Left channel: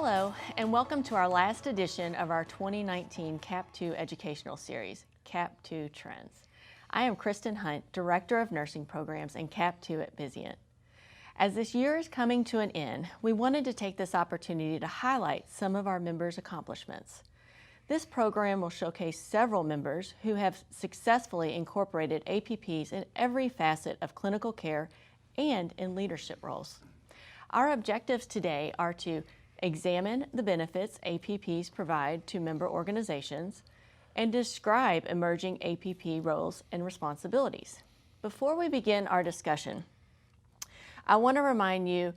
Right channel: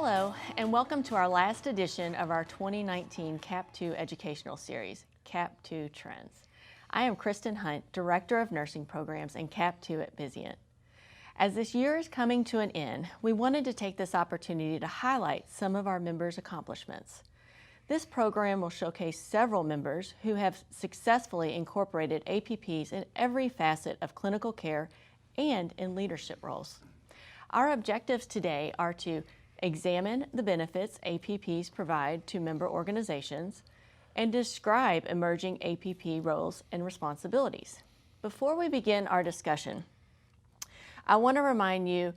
Hello, and welcome to our last edition of our 2019 CAP2 educational series, CAP2 Trends. I am Kristen Hunt, Director of Nursing Programs and CAP2 at Vizient. As this year is coming to an end, we wanted to take this opportunity to highlight some of our members' accomplishments. This program will showcase several members who have successfully incorporated APPs in every facet of clinical care and in leadership roles. Our objectives today are to examine the benefits APPs provide to member organizations and describe emerging APP roles and responsibilities. Before we begin our discussion, I want to remind you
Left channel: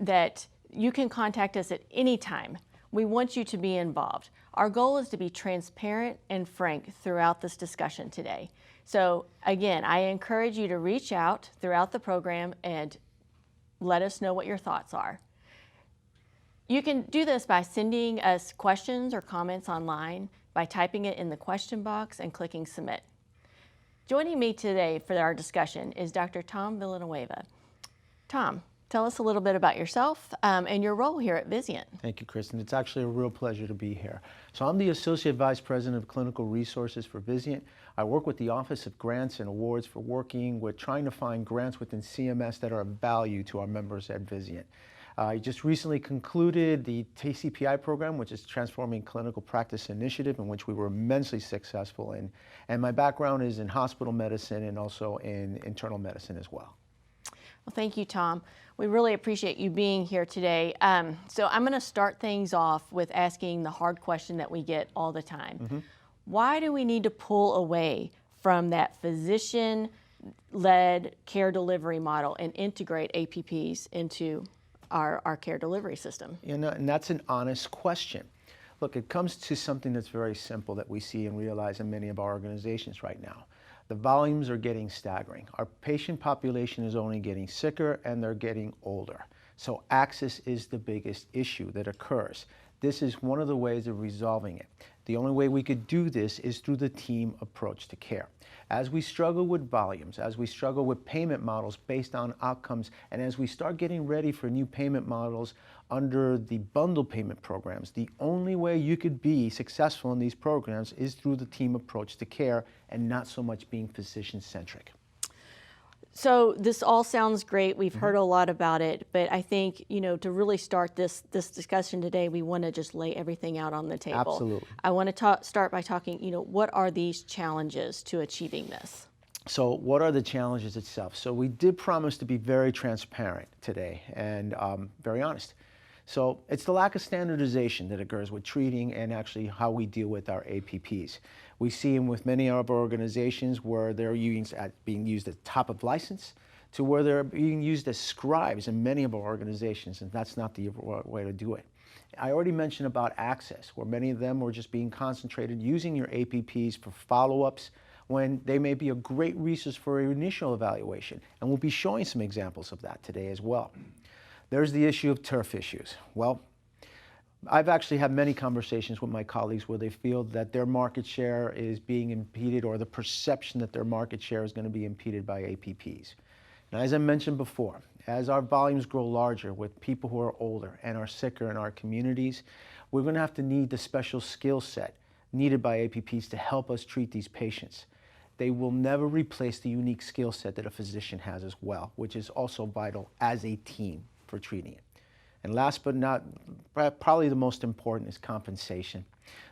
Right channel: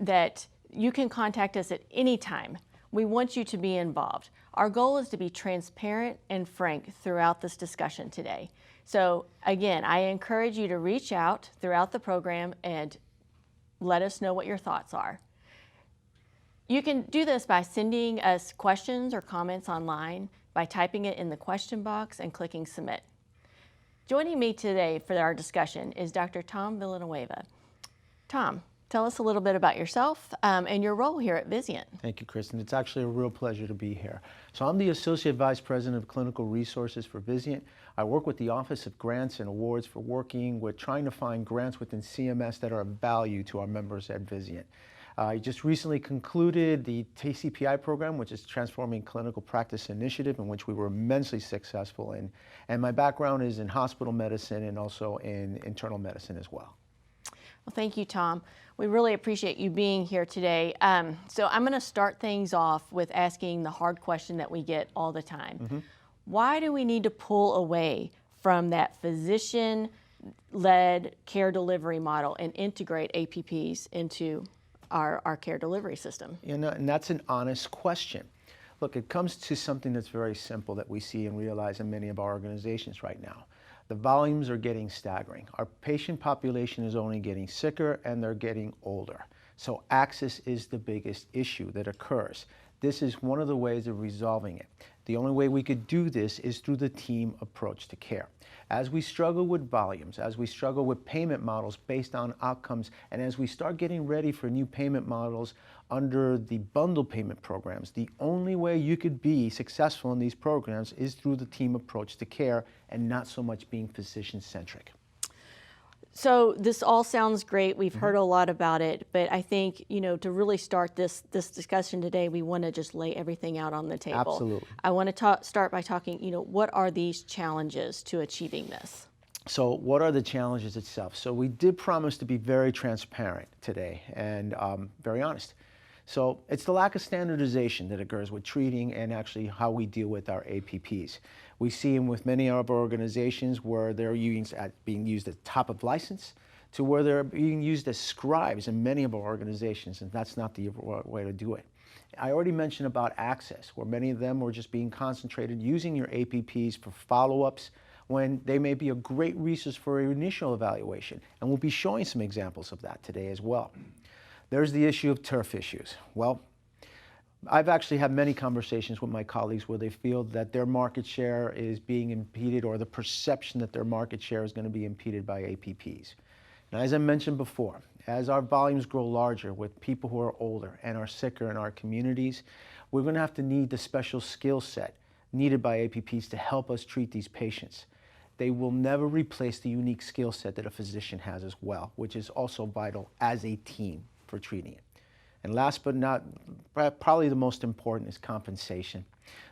that you can contact us at any time. We want you to be involved. Our goal is to be transparent and frank throughout this discussion today. So again, I encourage you to reach out throughout the program and let us know what your thoughts are. You can do this by sending us questions or comments online, by typing it in the question box and clicking submit. Joining me today for our discussion is Dr. Tom Villanueva. Tom, tell us a little bit about yourself and your role here at Vizient. Thank you, Kristen. It's actually a real pleasure to be here. So I'm the Associate Vice President of Clinical Resources for Vizient. I work with the Office of Grants and Awards for working with trying to find grants within CMS that are of value to our members at Vizient. I just recently concluded the TCPI program, which is Transforming Clinical Practice Initiative, in which we were immensely successful in. And my background is in hospital medicine and also in internal medicine as well. Well, thank you, Tom. We really appreciate you being here today. So I'm going to start things off with asking the hard question that we get all the time. Why do we need to pull away from that physician-led care delivery model and integrate APPs into our care delivery system? And that's an honest question. Look, it comes to something that's very simple that we see and realize in many of our organizations right now. The volumes are getting staggering. Our patient population is only getting sicker and they're getting older. So access is the biggest issue that occurs. This is one of the ways of resolving it. The only way we could do this is through the team approach to care. As we struggle with volumes, as we struggle with payment models based on outcomes, and as we start getting ready for new payment models under the bundle payment programs, the only way you could be successful in these programs is through the team approach to care and not so much being physician-centric. So this all sounds great. We've heard a lot about it, but I think, to really start this discussion today, we want to just lay everything out on the table. Absolutely. I want to start by talking, what are these challenges to achieving this? So what are the challenges itself? So we did promise to be very transparent today and very honest. So it's the lack of standardization that occurs with treating and actually how we deal with our APPs. We see them with many of our organizations where they're being used at top of license to where they're being used as scribes in many of our organizations, and that's not the way to do it. I already mentioned about access, where many of them were just being concentrated using your APPs for follow-ups when they may be a great resource for your initial evaluation, and we'll be showing some examples of that today as well. There's the issue of turf issues. Well, I've actually had many conversations with my colleagues where they feel that their market share is being impeded, or the perception that their market share is going to be impeded by APPs. Now, as I mentioned before, as our volumes grow larger with people who are older and are sicker in our communities, we're going to have to need the special skill set needed by APPs to help us treat these patients. They will never replace the unique skill set that a physician has as well, which is also vital as a team for treating it. And last but not, probably the most important, is compensation.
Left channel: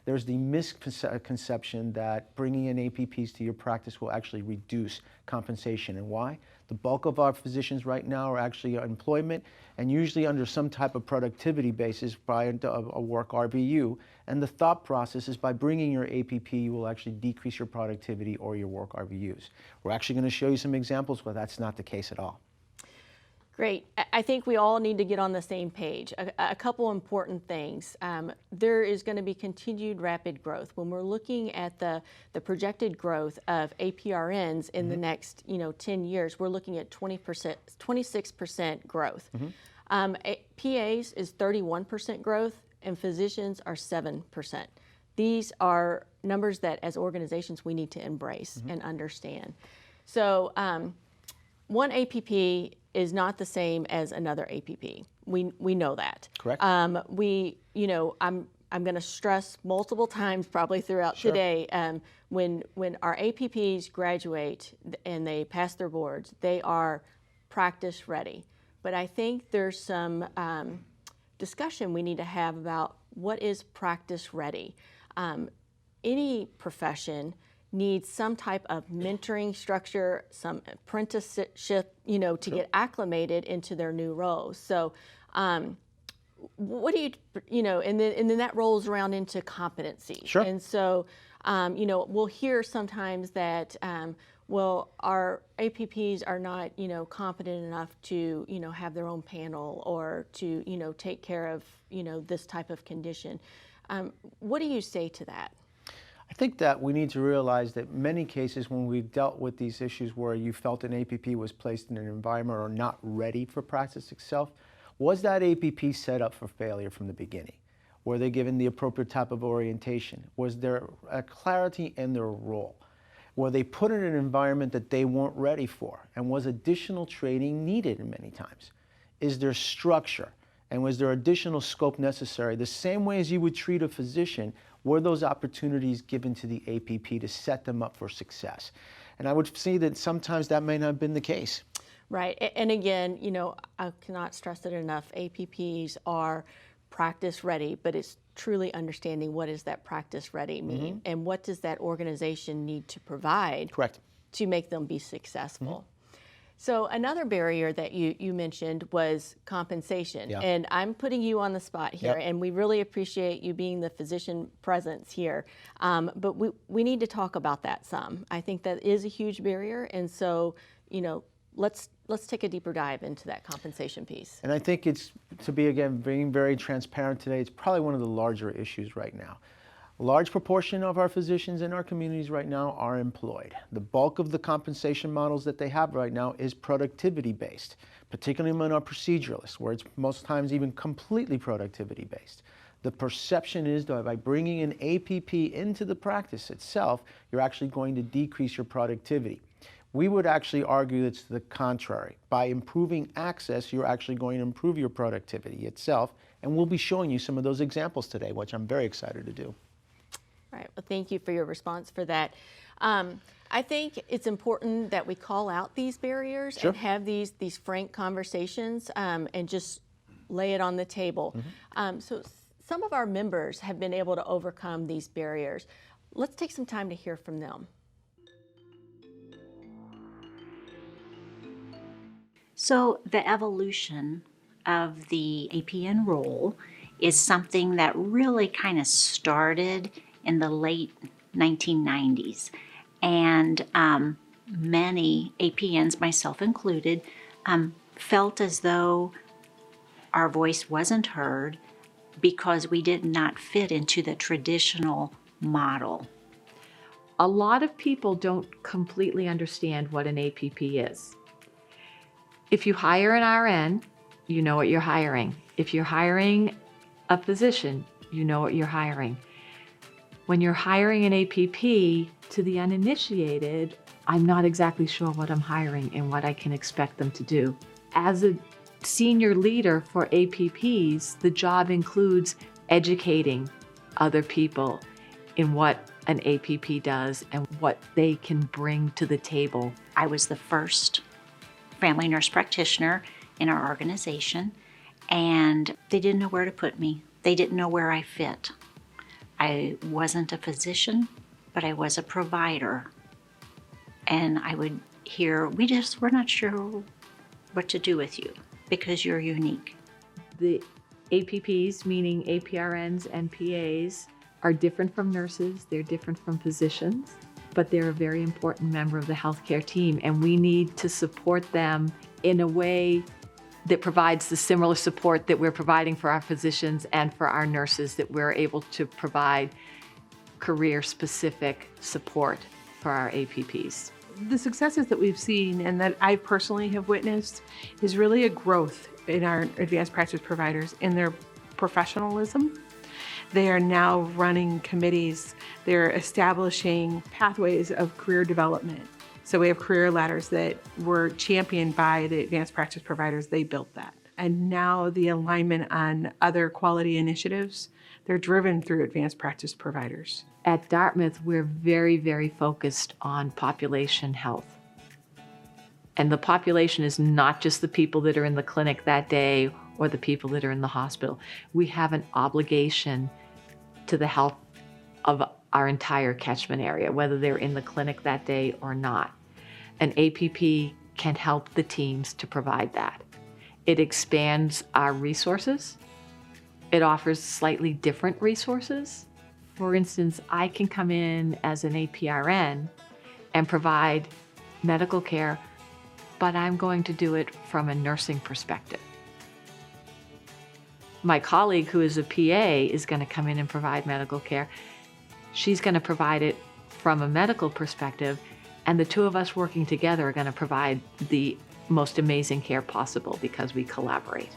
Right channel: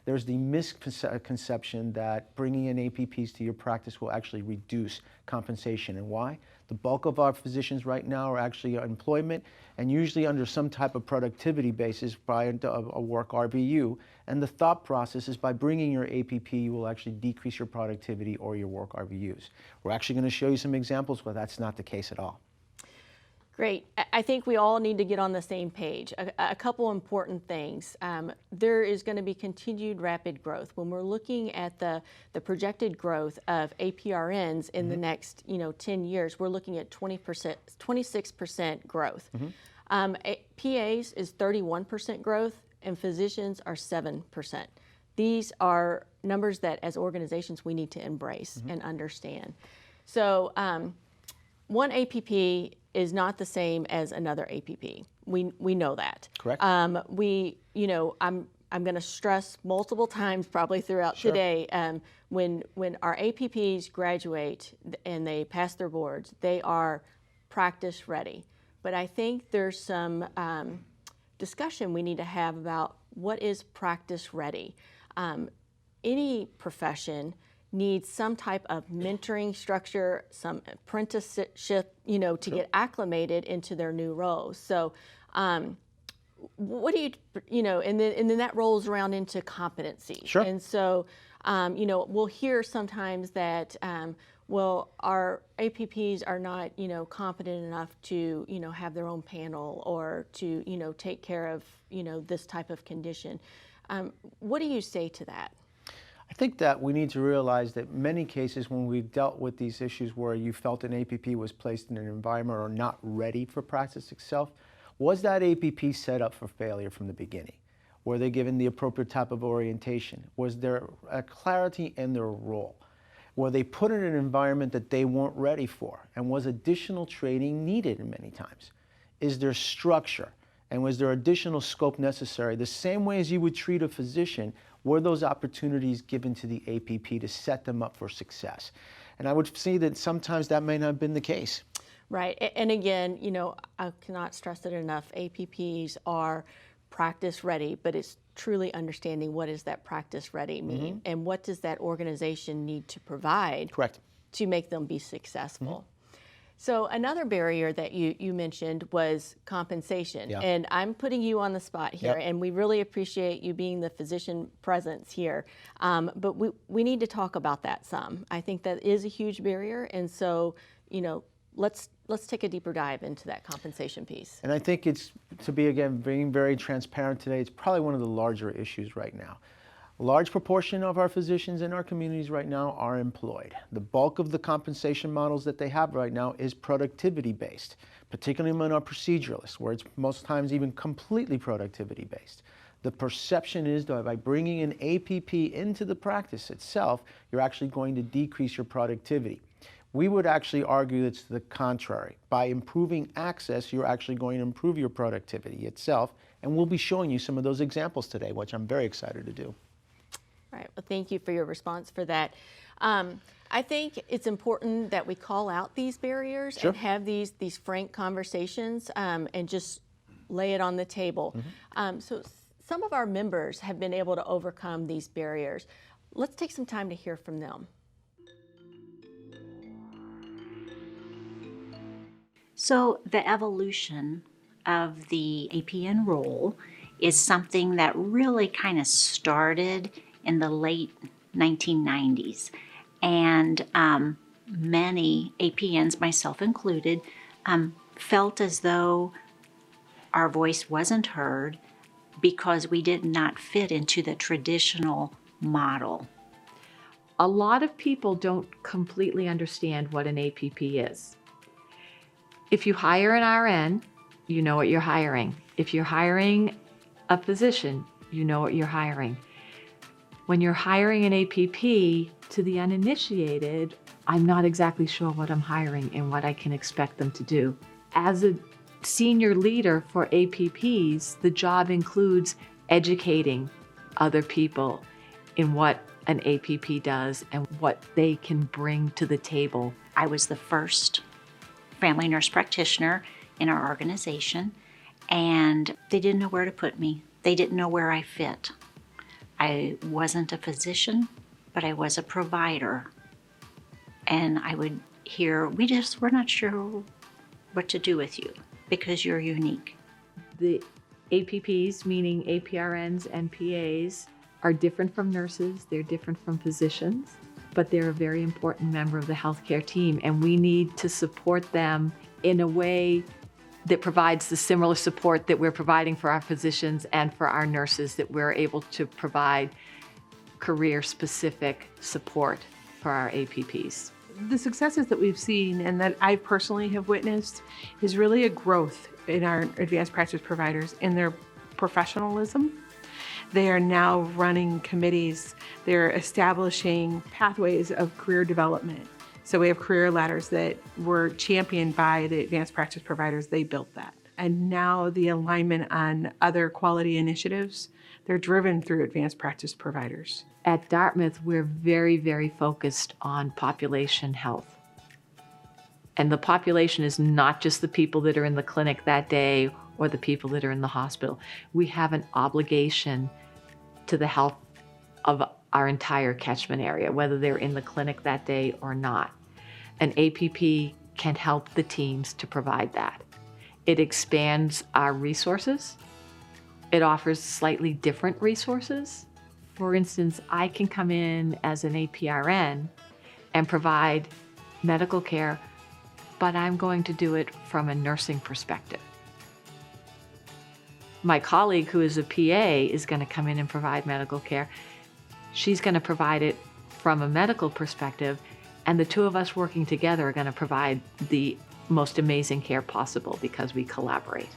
There's the misconception that bringing in APPs to your practice will actually reduce compensation. And why? The bulk of our physicians right now are actually on employment and usually under some type of productivity basis by a work RVU. And the thought process is by bringing your APP, you will actually decrease your productivity or your work RVUs. We're actually going to show you some examples where that's not the case at all. Great. I think we all need to get on the same page. A couple important things. There is going to be continued rapid growth. When we're looking at the projected growth of APRNs in the next 10 years, we're looking at 26% growth. PAs is 31% growth, and physicians are 7%. These are numbers that as organizations we need to embrace and understand. So one APP is not the same as another APP. We know that. Correct. I'm going to stress multiple times probably throughout today, when our APPs graduate and they pass their boards, they are practice ready. But I think there's some discussion we need to have about what is practice ready. Any profession needs some type of mentoring structure, some apprenticeship, to get acclimated into their new roles. So what do and then that rolls around into competency. Sure. And so, we'll hear sometimes that, our APPs are not, competent enough to, have their own panel or to, take care of, this type of condition. What do you say to that? I think that we need to realize that many cases when we've dealt with these issues where you felt an APP was placed in an environment or not ready for practice itself, was that APP set up for failure from the beginning? Were they given the appropriate type of orientation? Was there a clarity in their role? Were they put in an environment that they weren't ready for? And was additional training needed many times? Is there structure? And was there additional scope necessary? The same way as you would treat a physician, were those opportunities given to the APP to set them up for success? And I would see that sometimes that may not have been the case. Right. And again, I cannot stress it enough. APPs are practice ready, but it's truly understanding what does that practice ready mean, and what does that organization need to provide to make them be successful. So another barrier that you mentioned was compensation. Yeah. And I'm putting you on the spot here, and we really appreciate you being the physician presence here. But we need to talk about that some. I think that is a huge barrier, and so, let's take a deeper dive into that compensation piece. And I think it's, to be, again, being very transparent today, it's probably one of the larger issues right now. A large proportion of our physicians in our communities right now are employed. The bulk of the compensation models that they have right now is productivity-based, particularly among our proceduralists, where it's most times even completely productivity-based. The perception is that by bringing an APP into the practice itself, you're actually going to decrease your productivity. We would actually argue it's the contrary. By improving access, you're actually going to improve your productivity itself, and we'll be showing you some of those examples today, which I'm very excited to do. All right, well, thank you for your response for that. I think it's important that we call out these barriers and have these frank conversations and just lay it on the table. So some of our members have been able to overcome these barriers. Let's take some time to hear from them. So the evolution of the APN role is something that really kind of started in the late 1990s. And many APNs, myself included, felt as though our voice wasn't heard because we did not fit into the traditional model. A lot of people don't completely understand what an APP is. If you hire an RN, you know what you're hiring. If you're hiring a physician, you know what you're hiring. When you're hiring an APP, to the uninitiated, I'm not exactly sure what I'm hiring and what I can expect them to do. As a senior leader for APPs, the job includes educating other people in what an APP does and what they can bring to the table. I was the first family nurse practitioner in our organization, and they didn't know where to put me. They didn't know where I fit. I wasn't a physician, but I was a provider. And I would hear, we're not sure what to do with you because you're unique. The APPs, meaning APRNs and PAs, are different from nurses, they're different from physicians, but they're a very important member of the healthcare team, and we need to support them in a way that provides the similar support that we're providing for our physicians and for our nurses, that we're able to provide career-specific support for our APPs. The successes that we've seen and that I personally have witnessed is really a growth in our advanced practice providers in their professionalism. They are now running committees. They're establishing pathways of career development. So we have career ladders that were championed by the advanced practice providers. They built that. And now the alignment on other quality initiatives, they're driven through advanced practice providers. At Dartmouth, we're very, very focused on population health. And the population is not just the people that are in the clinic that day or the people that are in the hospital. We have an obligation to the health of our entire catchment area, whether they're in the clinic that day or not. An APP can help the teams to provide that. It expands our resources. It offers slightly different resources. For instance, I can come in as an APRN and provide medical care, but I'm going to do it from a nursing perspective. My colleague who is a PA is going to come in and provide medical care. She's going to provide it from a medical perspective, and the two of us working together are going to provide the most amazing care possible because we collaborate.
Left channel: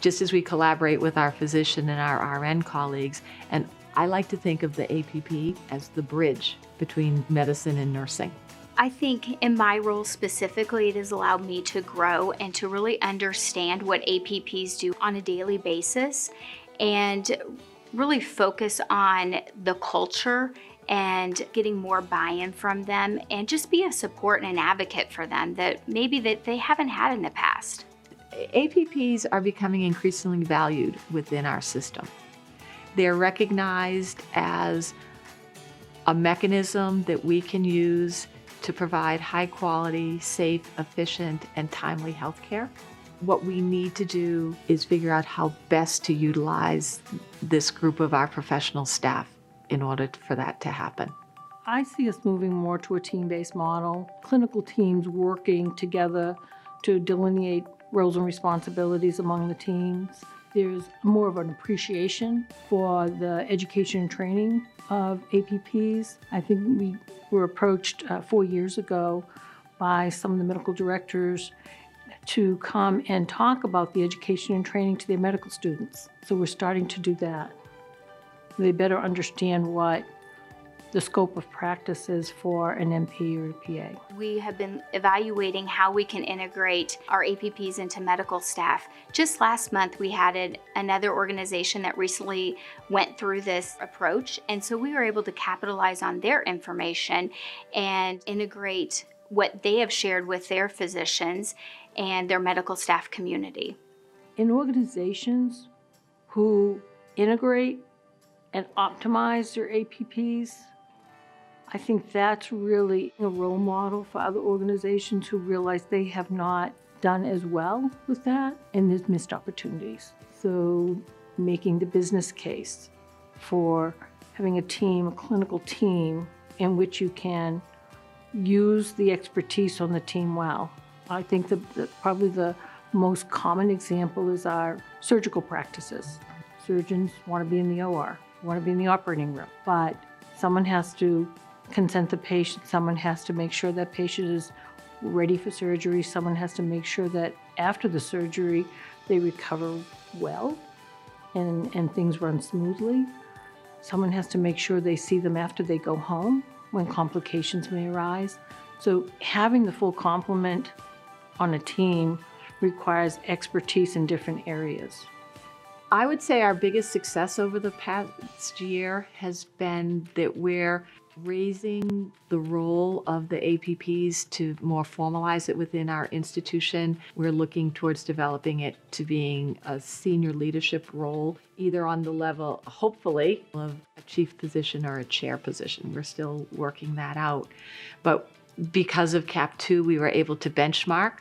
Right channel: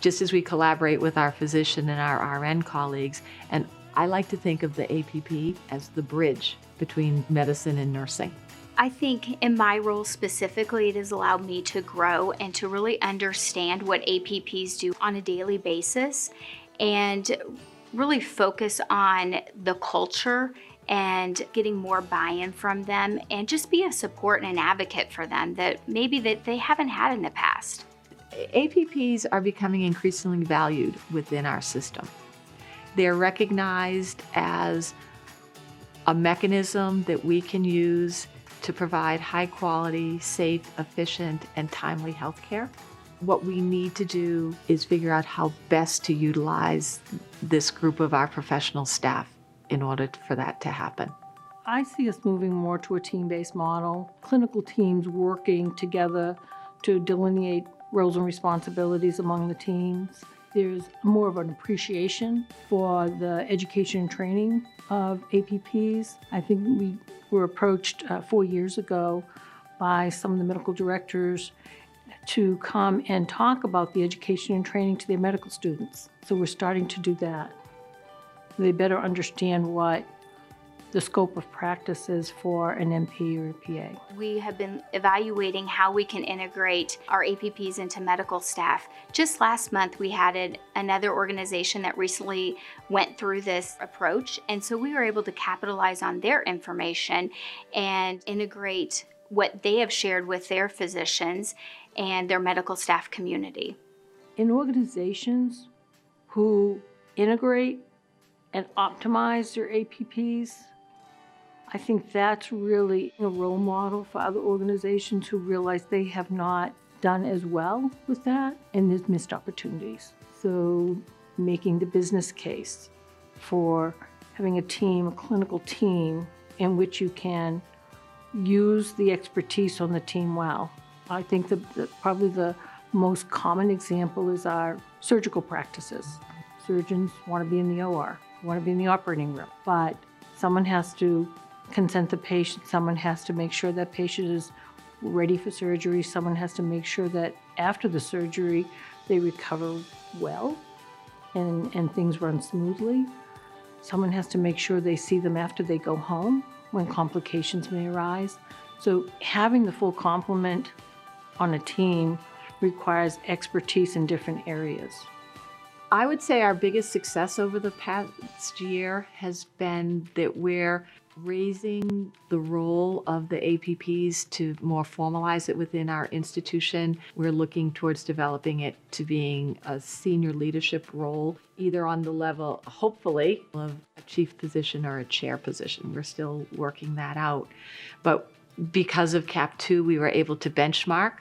Just as we collaborate with our physician and our RN colleagues, and I like to think of the APP as the bridge between medicine and nursing. I think in my role specifically, it has allowed me to grow and to really understand what APPs do on a daily basis and really focus on the culture and getting more buy-in from them and just be a support and an advocate for them that maybe that they haven't had in the past. APPs are becoming increasingly valued within our system. They're recognized as a mechanism that we can use to provide high quality, safe, efficient, and timely health care. What we need to do is figure out how best to utilize this group of our professional staff in order for that to happen. I see us moving more to a team-based model, clinical teams working together to delineate roles and responsibilities among the teams. There's more of an appreciation for the education and training of APPs. I think we were approached 4 years ago by some of the medical directors to come and talk about the education and training to their medical students. So we're starting to do that. They better understand what the scope of practice is for an MP or a PA. We have been evaluating how we can integrate our APPs into medical staff. Just last month, we had another organization that recently went through this approach, and so we were able to capitalize on their information and integrate what they have shared with their physicians and their medical staff community. In organizations who integrate and optimize their APPs, I think that's really a role model for other organizations who realize they have not done as well with that, and there's missed opportunities. So making the business case for having a team, a clinical team, in which you can use the expertise on the team well. I think probably the most common example is our surgical practices. Surgeons want to be in the OR, want to be in the operating room, but someone has to consent the patient, someone has to make sure that patient is ready for surgery, someone has to make sure that after the surgery they recover well and things run smoothly. Someone has to make sure they see them after they go home when complications may arise. So having the full complement on a team requires expertise in different areas. I would say our biggest success over the past year has been that we're raising the role of the APPs to more formalize it within our institution. We're looking towards developing it to being a senior leadership role, either on the level, hopefully, of a chief physician or a chair position. We're still working that out. But because of CAP 2, we were able to benchmark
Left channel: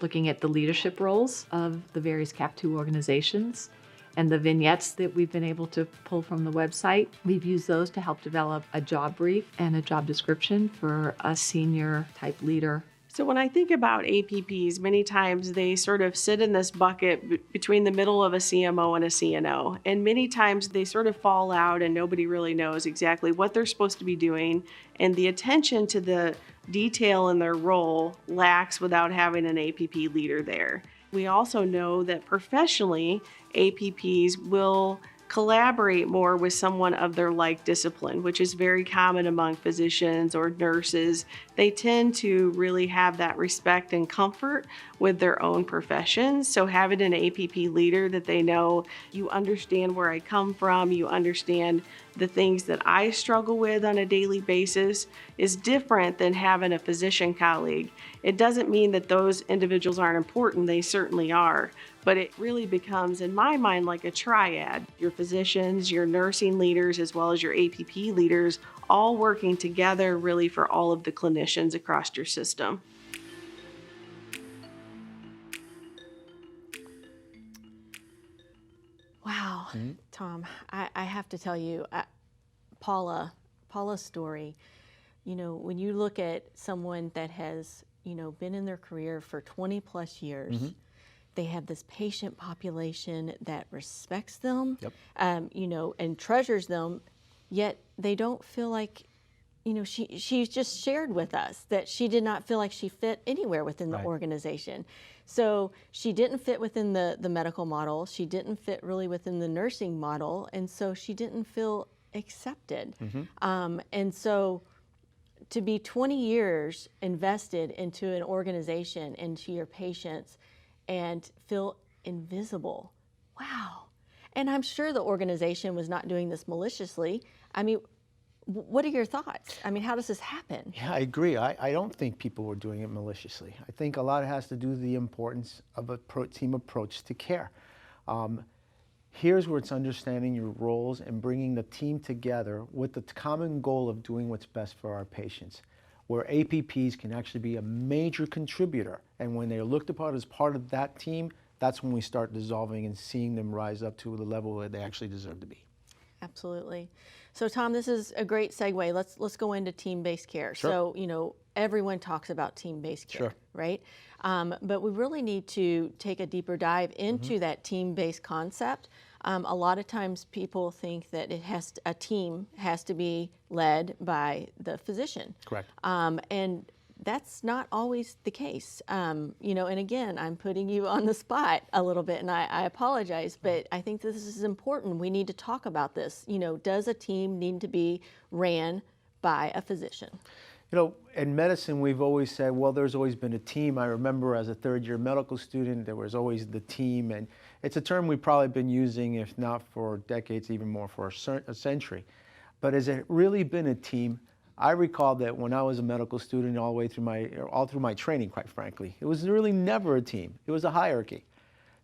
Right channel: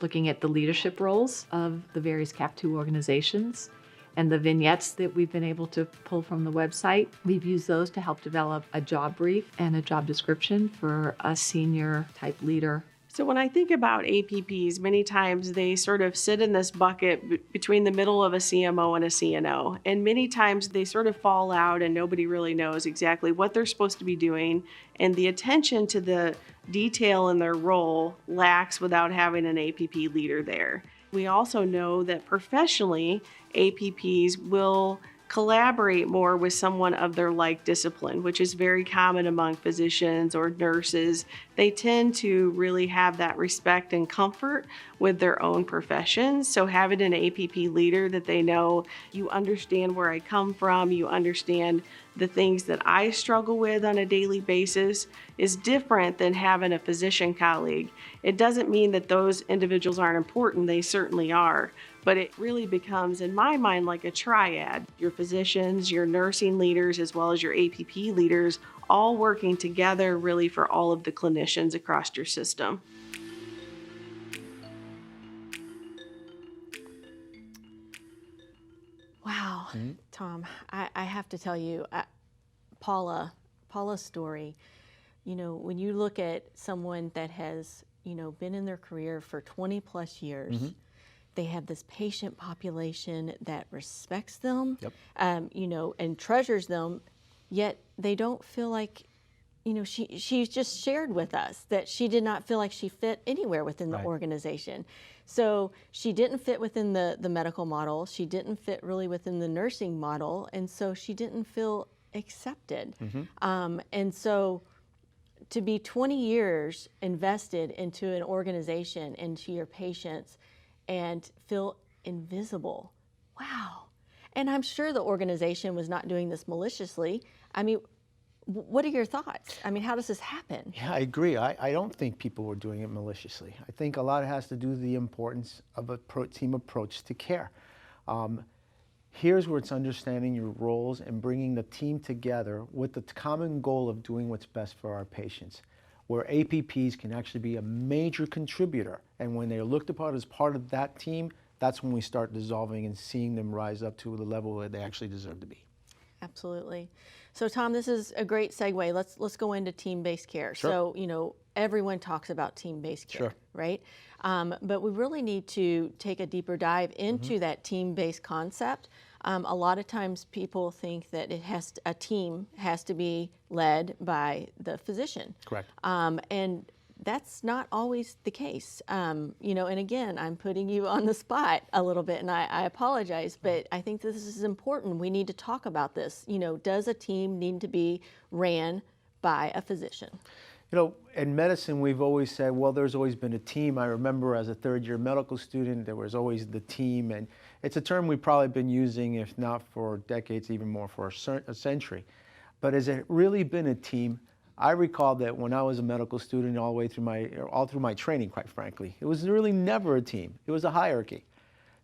looking at the leadership roles of the various CAP 2 organizations. And the vignettes that we've been able to pull from the website, we've used those to help develop a job brief and a job description for a senior type leader. So when I think about APPs, many times they sort of sit in this bucket between the middle of a CMO and a CNO. And many times they sort of fall out and nobody really knows exactly what they're supposed to be doing. And the attention to the detail in their role lacks without having an APP leader there. We also know that professionally, APPs will collaborate more with someone of their like discipline, which is very common among physicians or nurses. They tend to really have that respect and comfort with their own professions. So having an APP leader that they know, you understand where I come from, you understand the things that I struggle with on a daily basis, is different than having a physician colleague. It doesn't mean that those individuals aren't important, they certainly are, but it really becomes, in my mind, like a triad. Your physicians, your nursing leaders, as well as your APP leaders, all working together really for all of the clinicians across your system. Wow, Tom, I have to tell you, Paula's story, you know, when you look at someone that has, you know, been in their career for 20 plus years, they have this patient population that respects them, you know, and treasures them, yet they don't feel like, you know, she's just shared with us that she did not feel like she fit anywhere within the organization. So she didn't fit within the medical model. She didn't fit really within the nursing model. And so she didn't feel accepted. And so to be 20 years invested into an organization, into your patients, and feel invisible, wow. And I'm sure the organization was not doing this maliciously. I mean, what are your thoughts? I mean, how does this happen? Yeah, I agree. I don't think people were doing it maliciously. I think a lot has to do with the importance of a team approach to care. Here's where it's understanding your roles and bringing the team together with the common goal of doing what's best for our patients, where APPs can actually be a major contributor. And when they're looked upon as part of that team, that's when we start dissolving and seeing them rise up to the level where they actually deserve to be. Absolutely. So Tom, this is a great segue. Let's go into team-based care. Sure. So, you know, everyone talks about team-based care, right? But we really need to take a deeper dive into that team-based concept. A lot of times people think that a team has to be led by the physician. Correct. And that's not always the case. You know, and again, I'm putting you on the spot a little bit, and I apologize, but I think this is important. We need to talk about this. You know, does a team need to be ran by a physician? You know, in medicine, we've always said, well, there's always been a team. I remember as a third-year medical student, there was always the team, and it's a term we've probably been using, if not for decades, even more for a century. But has it really been a team? I recall that when I was a medical student all through my training, quite frankly, it was really never a team. It was a hierarchy.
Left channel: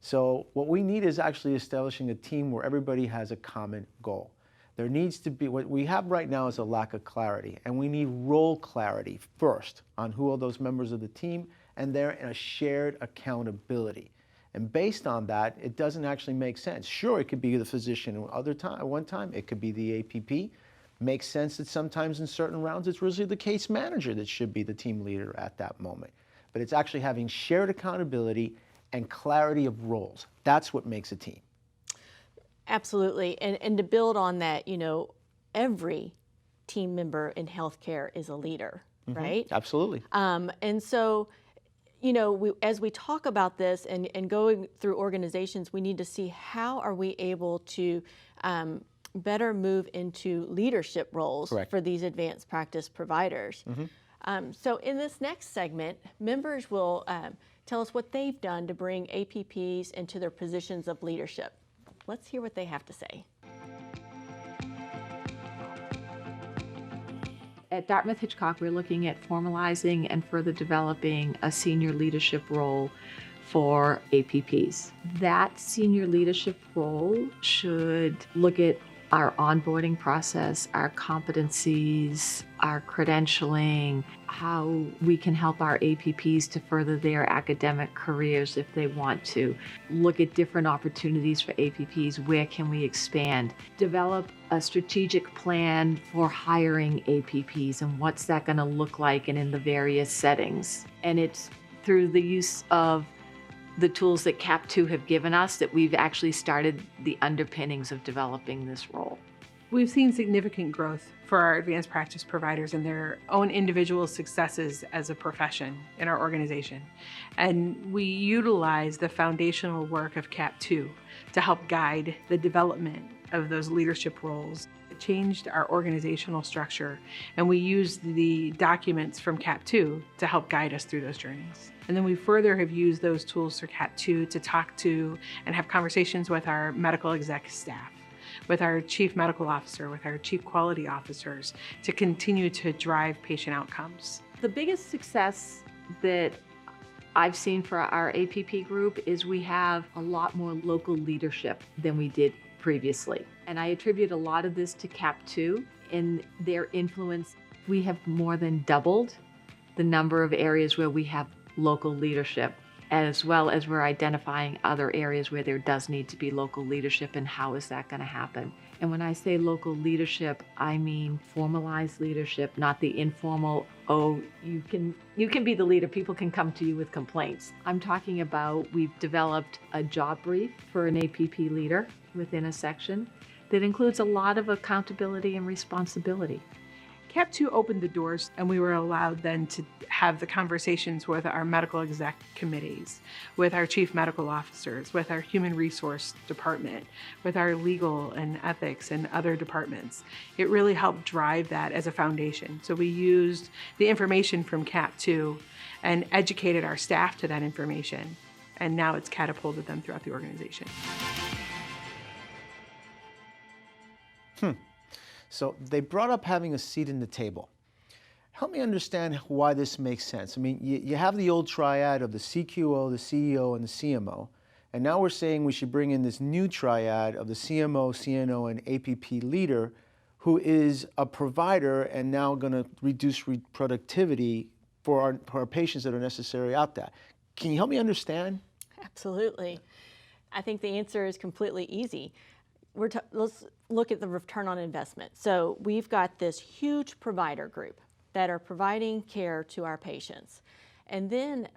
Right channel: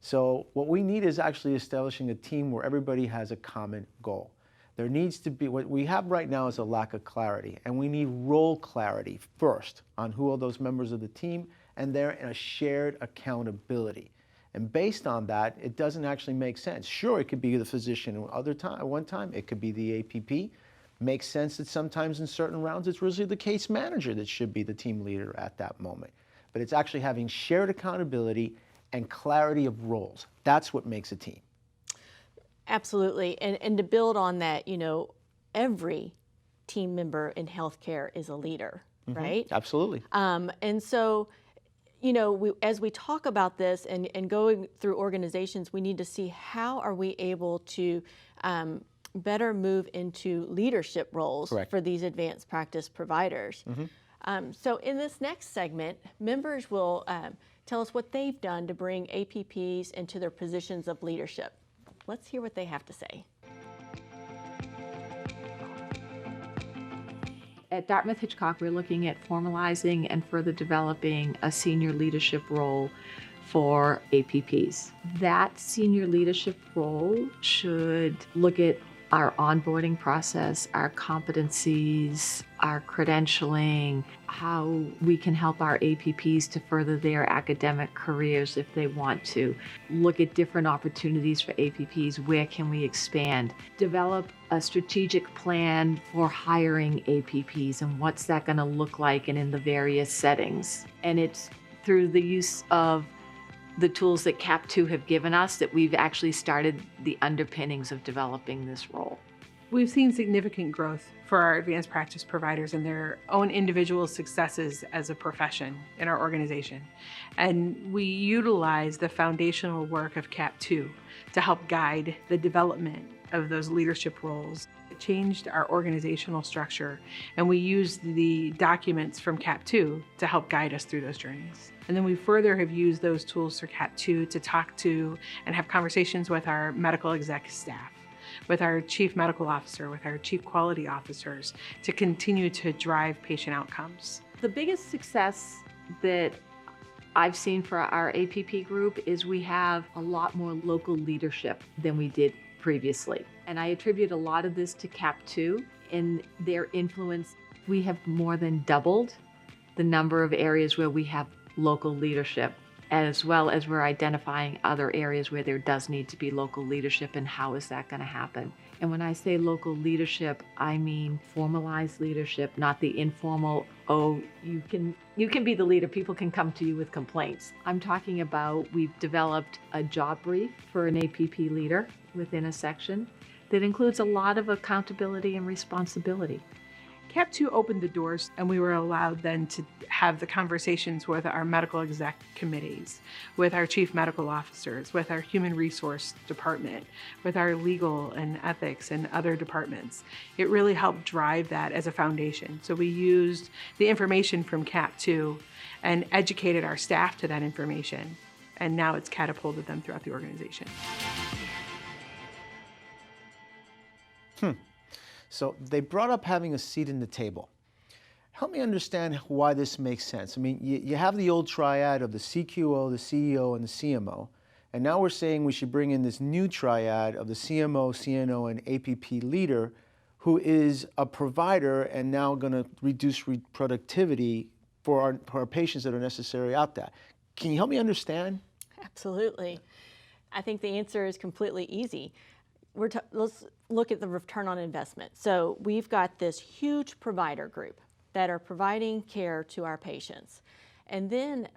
So what we need is actually establishing a team where everybody has a common goal. There needs to be, what we have right now is a lack of clarity, and we need role clarity first on who are those members of the team, and they're in a shared accountability. And based on that, it doesn't actually make sense. Sure, it could be the physician at one time, it could be the APP. Makes sense that sometimes in certain rounds it's really the case manager that should be the team leader at that moment. But it's actually having shared accountability and clarity of roles. That's what makes a team. Absolutely. And to build on that, you know, every team member in healthcare is a leader, right? Absolutely. And so, you know, as we talk about this and going through organizations, we need to see how are we able to better move into leadership roles for these advanced practice providers. So in this next segment, members will tell us what they've done to bring APPs into their positions of leadership. Let's hear what they have to say. At Dartmouth-Hitchcock, we're looking at formalizing and further developing a senior leadership role for APPs. That senior leadership role should look at our onboarding process, our competencies, our credentialing, how we can help our APPs to further their academic careers if they want to. Look at different opportunities for APPs, where can we expand? Develop a strategic plan for hiring APPs and what's that going to look like and in the various settings. And it's through the use of the tools that CAP2 have given us that we've actually started the underpinnings of developing this role. We've seen significant growth for our advanced practice providers and their own individual successes as a profession in our organization. And we utilize the foundational work of CAP2 to help guide the development of those leadership roles. It changed our organizational structure, and we used the documents from CAP 2 to help guide us through those journeys. And then we further have used those tools for CAP 2 to talk to and have conversations with our medical exec staff, with our chief medical officer, with our chief quality officers, to continue to drive patient outcomes. The biggest success that I've seen for our APP group is we have a lot more local leadership than we did previously. And I attribute a lot of this to CAP 2 and their influence. We have more than doubled the number of areas where we have local leadership, as well as we're identifying other areas where there does need to be local leadership, and how is that going to happen. And when I say local leadership, I mean formalized leadership, not the informal, oh, you can be the leader, people can come to you with complaints. I'm talking about, we've developed a job brief for an APP leader within a section that includes a lot of accountability and responsibility. CAP 2 opened the doors, and we were allowed then to have the conversations with our medical exec committees, with our chief medical officers, with our human resource department, with our legal and ethics and other departments. It really helped drive that as a foundation. So we used the information from CAP 2 and educated our staff to that information, and now it's catapulted them throughout the organization. So they brought up having a seat in the table. Help me understand why this makes sense. I mean, you have the old triad of the CQO, the CEO, and the CMO, and now we're saying we should bring in this new triad of the CMO, CNO, and APP leader, who is a provider and now going to reduce productivity for our patients that are necessary out there. Can you help me understand? Absolutely. I think the answer is completely easy. Let's look at the return on investment. So we've got this huge provider group that are providing care to our patients. And then,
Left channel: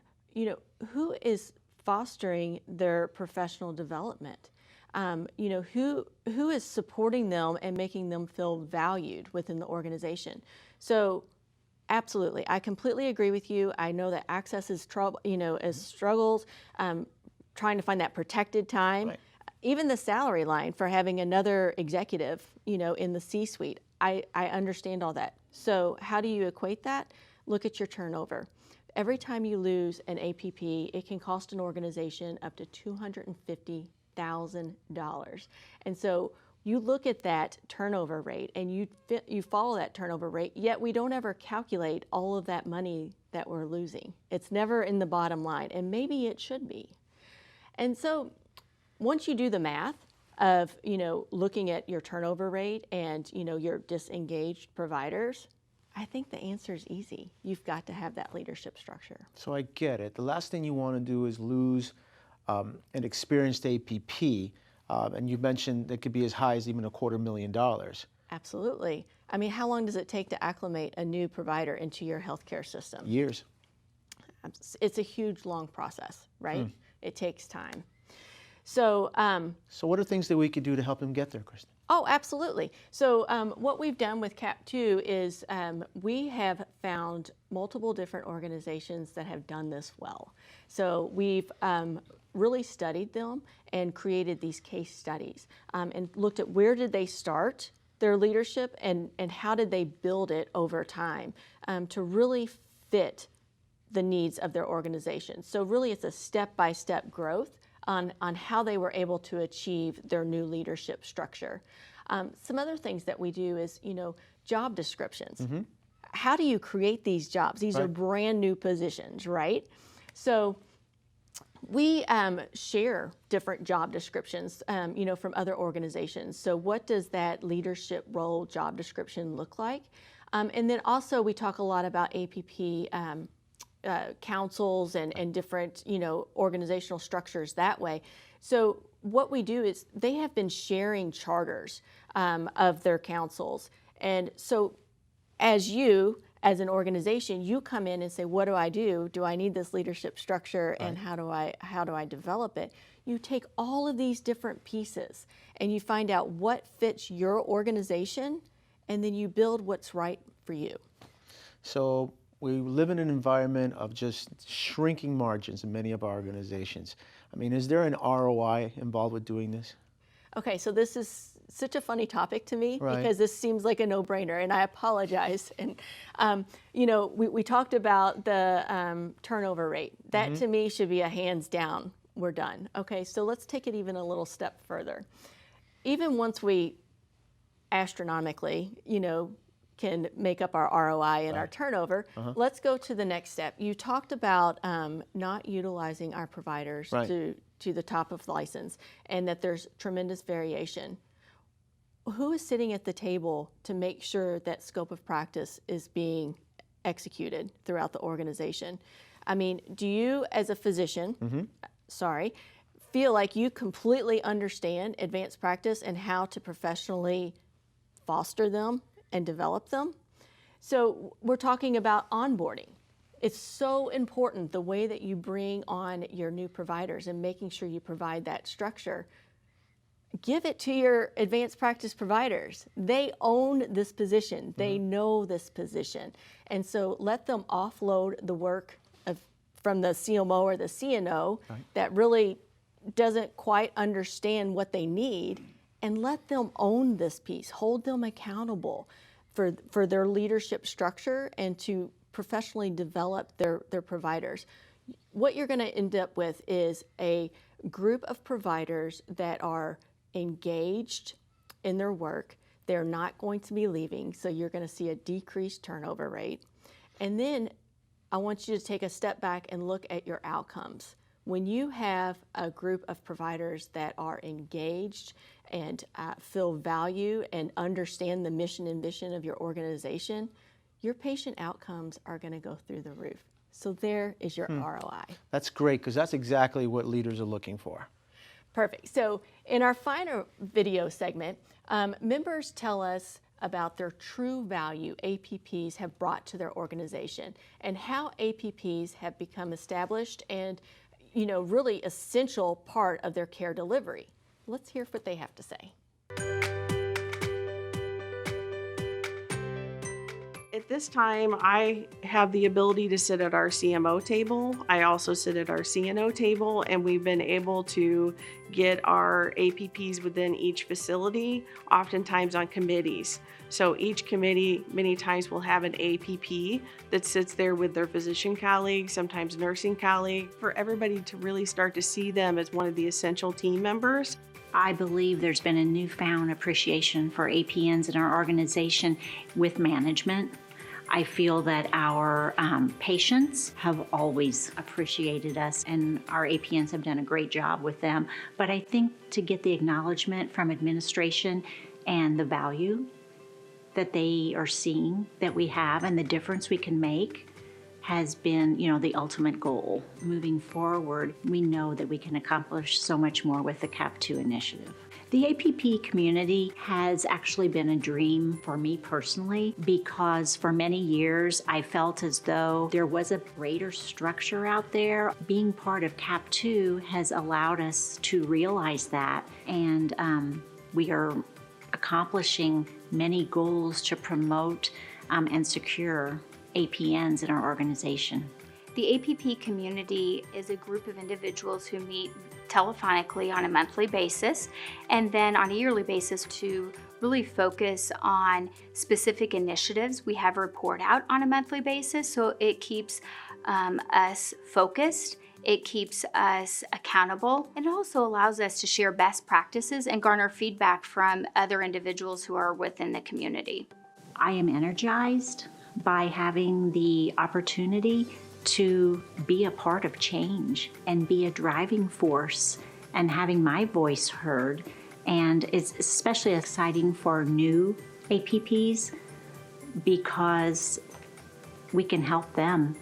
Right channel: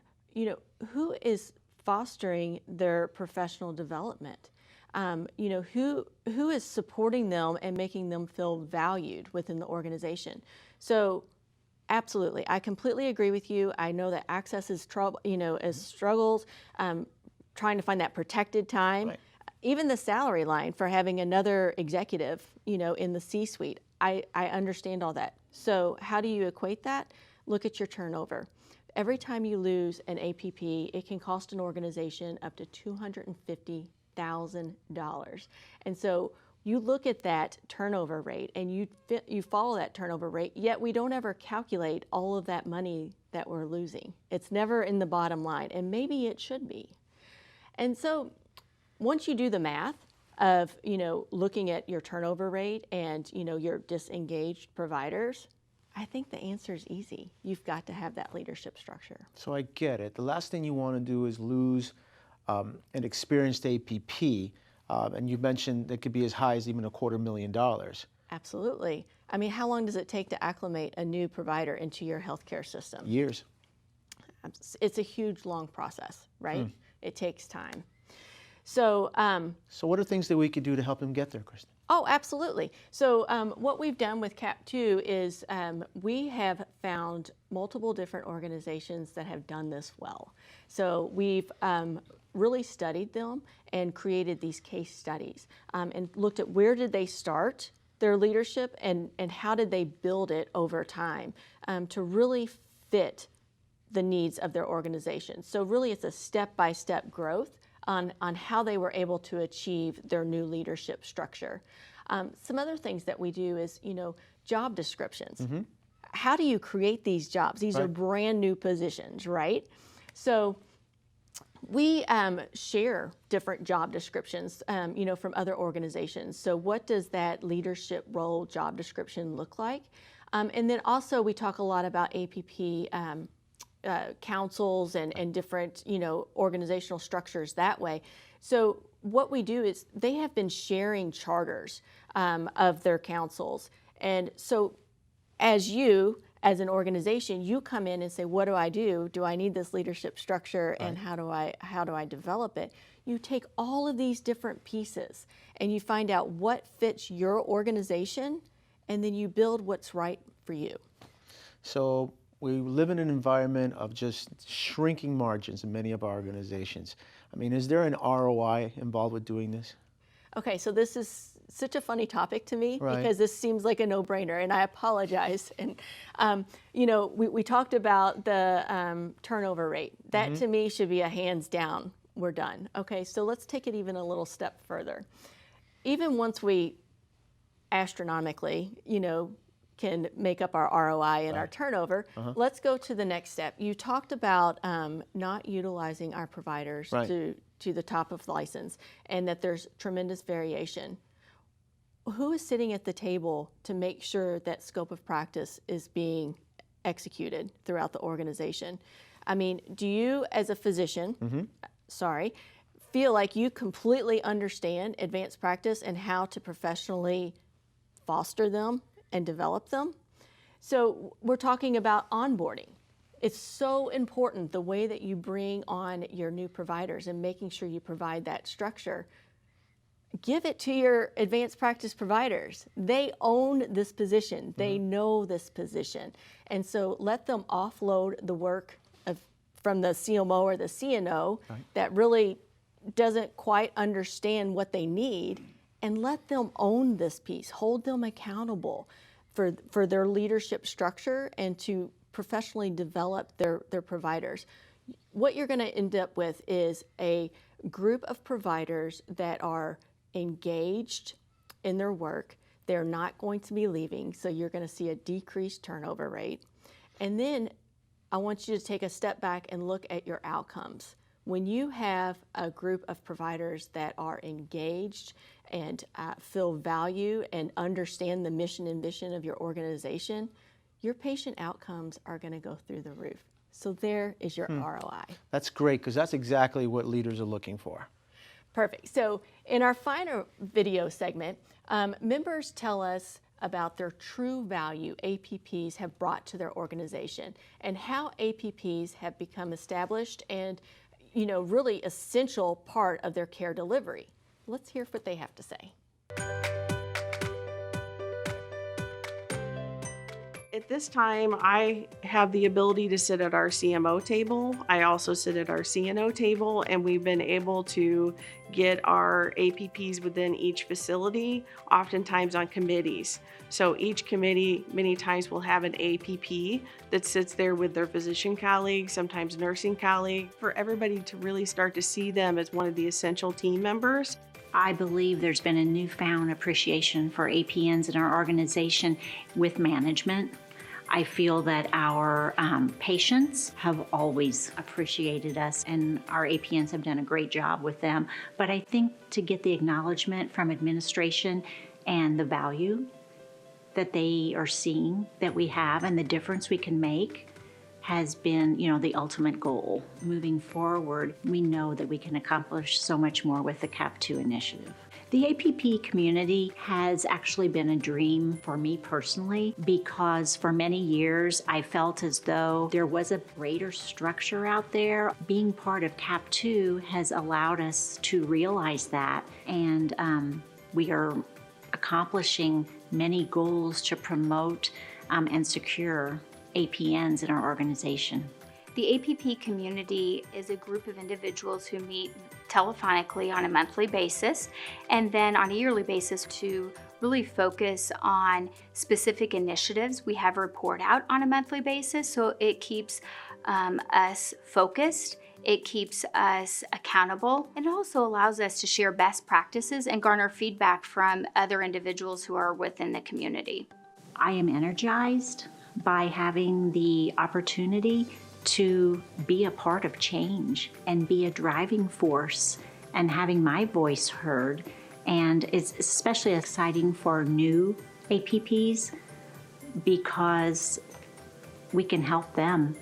who is fostering their professional development? Who is supporting them and making them feel valued within the organization? So absolutely, I completely agree with you. I know that access is struggles, trying to find that protected time. Right. Even the salary line for having another executive, in the C-suite, I understand all that. So how do you equate that? Look at your turnover. Every time you lose an APP, it can cost an organization up to $250,000. And so you look at that turnover rate and you follow that turnover rate, yet we don't ever calculate all of that money that we're losing. It's never in the bottom line, and maybe it should be. And so once you do the math of, looking at your turnover rate and, your disengaged providers, I think the answer is easy. You've got to have that leadership structure. So I get it. The last thing you want to do is lose an experienced APP, and you mentioned that could be as high as even $250,000. Absolutely. I mean, how long does it take to acclimate a new provider into your healthcare system? Years. It's a huge, long process, right? It takes time. So what are things that we could do to help them get there, Kristen? Oh, absolutely. So what we've done with CAP 2 is we have found multiple different organizations that have done this well. So we've really studied them and created these case studies and looked at where did they start their leadership and how did they build it over time to really fit the needs of their organization. So really it's a step-by-step growth on how they were able to achieve their new leadership structure. Some other things that we do is, job descriptions. Mm-hmm. How do you create these jobs? These are brand new positions, right? So we share different job descriptions, from other organizations. So what does that leadership role job description look like? And then also we talk a lot about APP councils and different, organizational structures that way. So what we do is they have been sharing charters of their councils. And so as an organization, you come in and say, what do I do? Do I need this leadership structure? Right. And how do I develop it? You take all of these different pieces and you find out what fits your organization, and then you build what's right for you. So we live in an environment of just shrinking margins in many of our organizations. I mean, is there an ROI involved with doing this? Okay, so this is such a funny topic to me Right. because this seems like a no-brainer, and I apologize. And you know, we talked about the turnover rate. That to me should be a hands down. We're done. Okay, so let's take it even a little step further. Even once we astronomically, you know, can make up our ROI and our turnover, let's go to the next step. You talked about not utilizing our providers to the top of license, and that there's tremendous variation. Who is sitting at the table to make sure that scope of practice is being executed throughout the organization? I mean, do you as a physician, feel like you completely understand advanced practice and how to professionally foster them and develop them? So we're talking about onboarding. It's so important the way that you bring on your new providers and making sure you provide that structure. Give it to your advanced practice providers. They own this position. They know this position. And so let them offload the work from the CMO or the CNO that really doesn't quite understand what they need, and let them own this piece. Hold them accountable for their leadership structure and to professionally develop their providers. What you're going to end up with is a group of providers that are engaged in their work. They're not going to be leaving, so you're going to see a decreased turnover rate. And then I want you to take a step back and look at your outcomes. When you have a group of providers that are engaged and feel value and understand the mission and vision of your organization, your patient outcomes are going to go through the roof. So there is your ROI. That's great, because that's exactly what leaders are looking for. Perfect. So in our final video segment, members tell us about their true value APPs have brought to their organization and how APPs have become established and, you know, really essential part of their care delivery. Let's hear what they have to say. At this time, I have the ability to sit at our CMO table. I also sit at our CNO table, and we've been able to get our APPs within each facility, oftentimes on committees. So each committee many times will have an APP that sits there with their physician colleagues, sometimes nursing colleagues, for everybody to really start to see them as one of the essential team members. I believe there's been a newfound appreciation for APNs in our organization with management. I feel that our patients have always appreciated us, and our APNs have done a great job with them. But I think to get the acknowledgement from administration and the value that they are seeing that we have and the difference we can make has been, you know, the ultimate goal. Moving forward, we know that we can accomplish so much more with the CAP2 initiative. The APP community has actually been a dream for me personally, because for many years I felt as though there was a greater structure out there. Being part of CAP2 has allowed us to realize that, and we are accomplishing many goals to promote and secure APNs in our organization. The APP community is a group of individuals who meet telephonically on a monthly basis and then on a yearly basis to really focus on specific initiatives. We have a report out on a monthly basis, so it keeps us focused, it keeps us accountable, and it also allows us to share best practices and garner feedback from other individuals who are within the community. I am energized by having the opportunity to be a part of change and be a driving force and having my voice heard. And it's especially exciting for new APPs because we can help them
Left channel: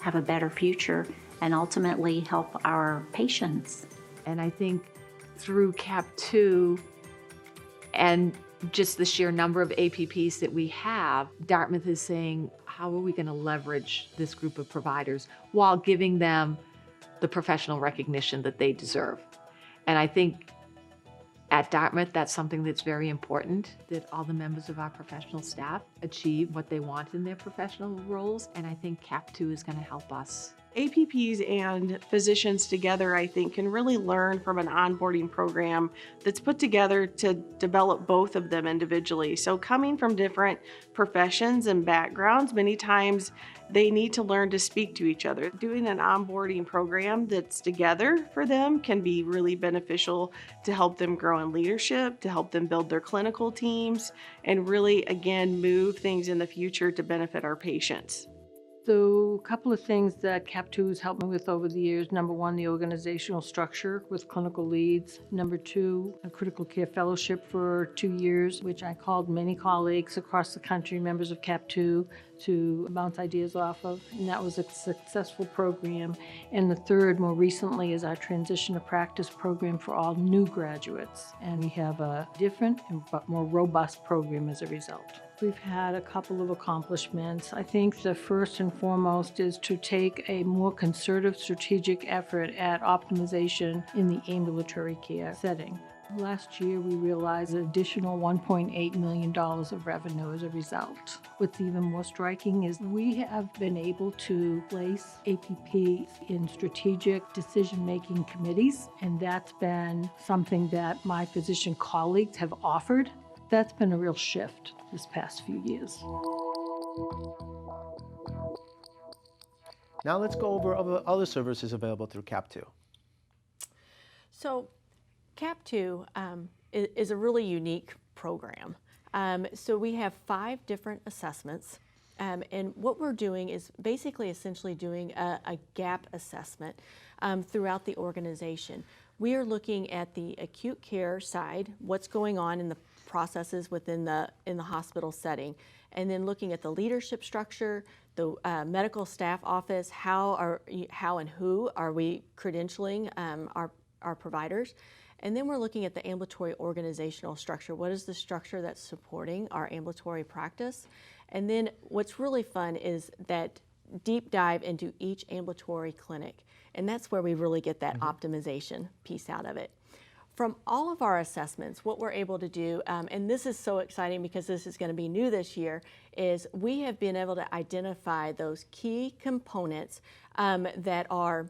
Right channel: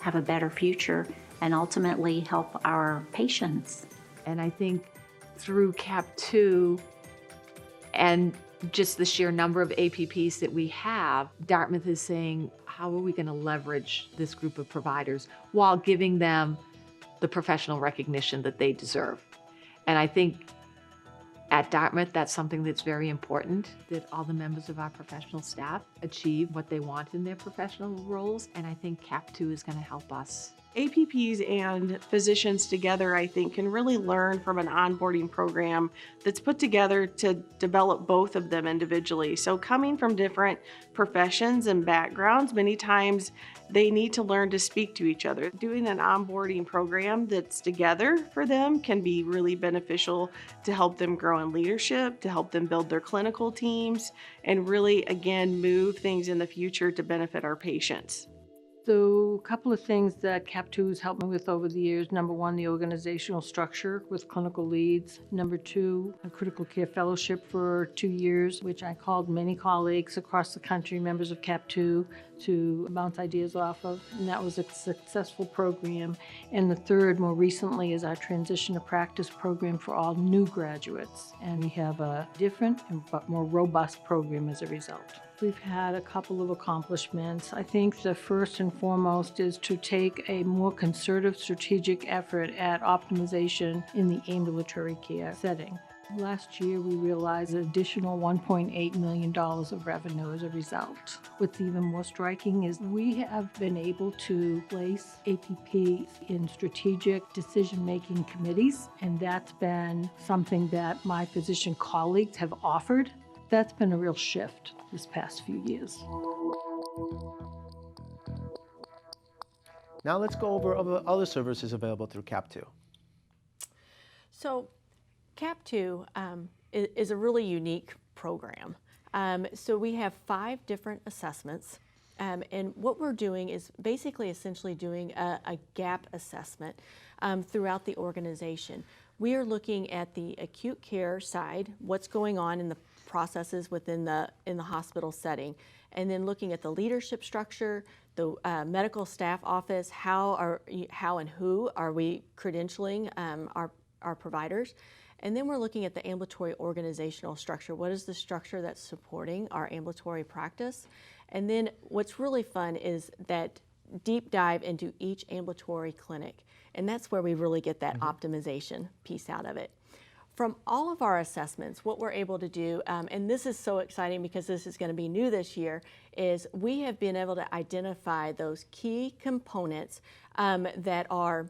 have a better future and ultimately help our patients. And I think through CAP2 and just the sheer number of APPs that we have, Dartmouth is saying, how are we going to leverage this group of providers while giving them the professional recognition that they deserve? And I think at Dartmouth, that's something that's very important, that all the members of our professional staff achieve what they want in their professional roles. And I think CAP2 is going to help us APPs and physicians together, I think, can really learn from an onboarding program that's put together to develop both of them individually. So coming from different professions and backgrounds, many times they need to learn to speak to each other. Doing an onboarding program that's together for them can be really beneficial to help them grow in leadership, to help them build their clinical teams, and really, again, move things in the future to benefit our patients. So a couple of things that CAP2 has helped me with over the years. Number one, the organizational structure with clinical leads. Number two, a critical care fellowship for 2 years, which I called many colleagues across the country, members of CAP2, to bounce ideas off of, and that was a successful program. And the third, more recently, is our transition to practice program for all new graduates. And we have a different but more robust program as a result. We've had a couple of accomplishments. I think the first and foremost is to take a more concerted strategic effort at optimization in the ambulatory care setting. Last year, we realized an additional $1.8 million of revenue as a result. What's even more striking is we have been able to place APPs in strategic decision-making committees, and that's been something that my physician colleagues have offered. That's been a real shift this past few years. Now let's go over other services available through CAP2. So CAP2 is a really unique program. So we have 5 different assessments, and what we're doing is basically essentially doing a gap assessment throughout the organization. We are looking at the acute care side, what's going on in the processes within in the hospital setting, and then looking at the leadership structure, the medical staff office, how and who are we credentialing our providers. And then we're looking at the ambulatory organizational structure. What is the structure that's supporting our ambulatory practice? And then what's really fun is that deep dive into each ambulatory clinic. And that's where we really get that optimization piece out of it. From all of our assessments, what we're able to do, and this is so exciting because this is going to be new this year, is we have been able to identify those key components that are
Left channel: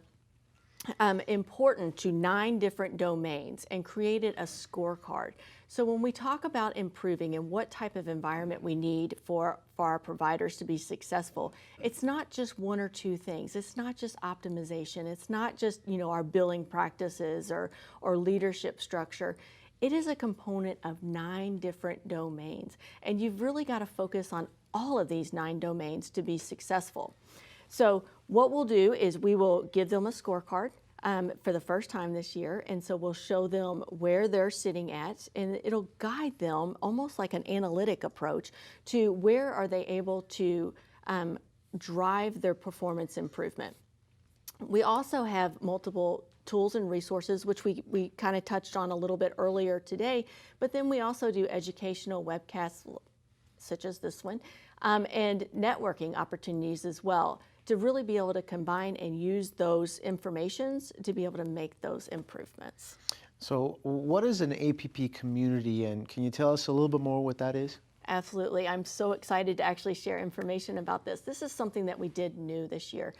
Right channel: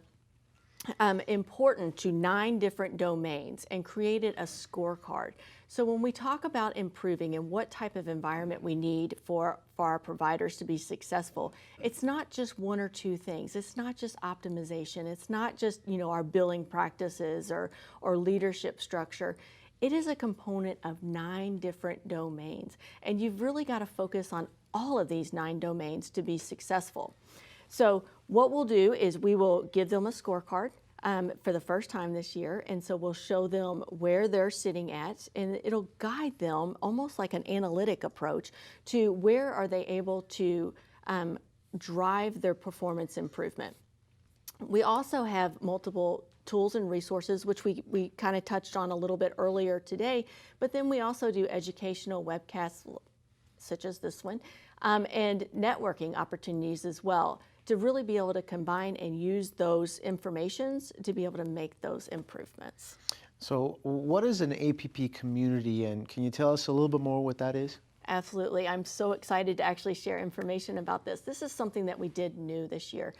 important to 9 different domains and created a scorecard. So when we talk about improving and what type of environment we need for our providers to be successful, it's not just 1 or 2 things. It's not just optimization. It's not just, our billing practices or leadership structure. It is a component of 9 different domains. And you've really got to focus on all of these 9 domains to be successful. So what we'll do is we will give them a scorecard for the first time this year, and so we'll show them where they're sitting at, and it'll guide them almost like an analytic approach to where are they able to drive their performance improvement. We also have multiple tools and resources, which we kind of touched on a little bit earlier today, but then we also do educational webcasts such as this one, and networking opportunities as well, to really be able to combine and use those informations to be able to make those improvements. So what is an APP community, and can you tell us a little bit more what that is? Absolutely. I'm so excited to actually share information about this. This is something that we did new this year.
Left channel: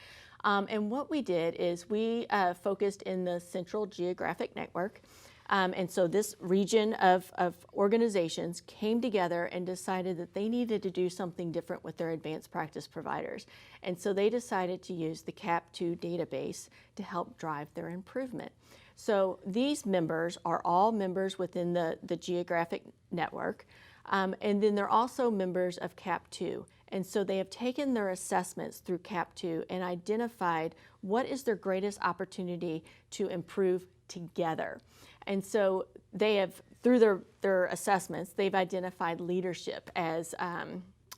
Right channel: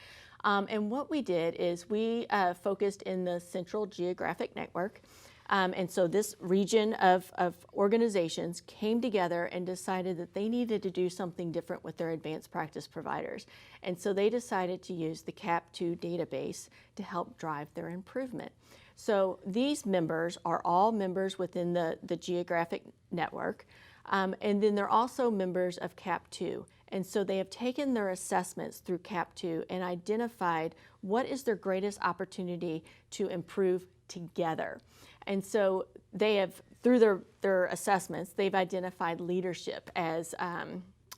And what we did is we focused in the Central Geographic Network. And so this region of organizations came together and decided that they needed to do something different with their advanced practice providers. And so they decided to use the CAP2 database to help drive their improvement. So these members are all members within the geographic network. And then they're also members of CAP2. And so they have taken their assessments through CAP2 and identified what is their greatest opportunity to improve together. And so they have, through their assessments, they've identified leadership as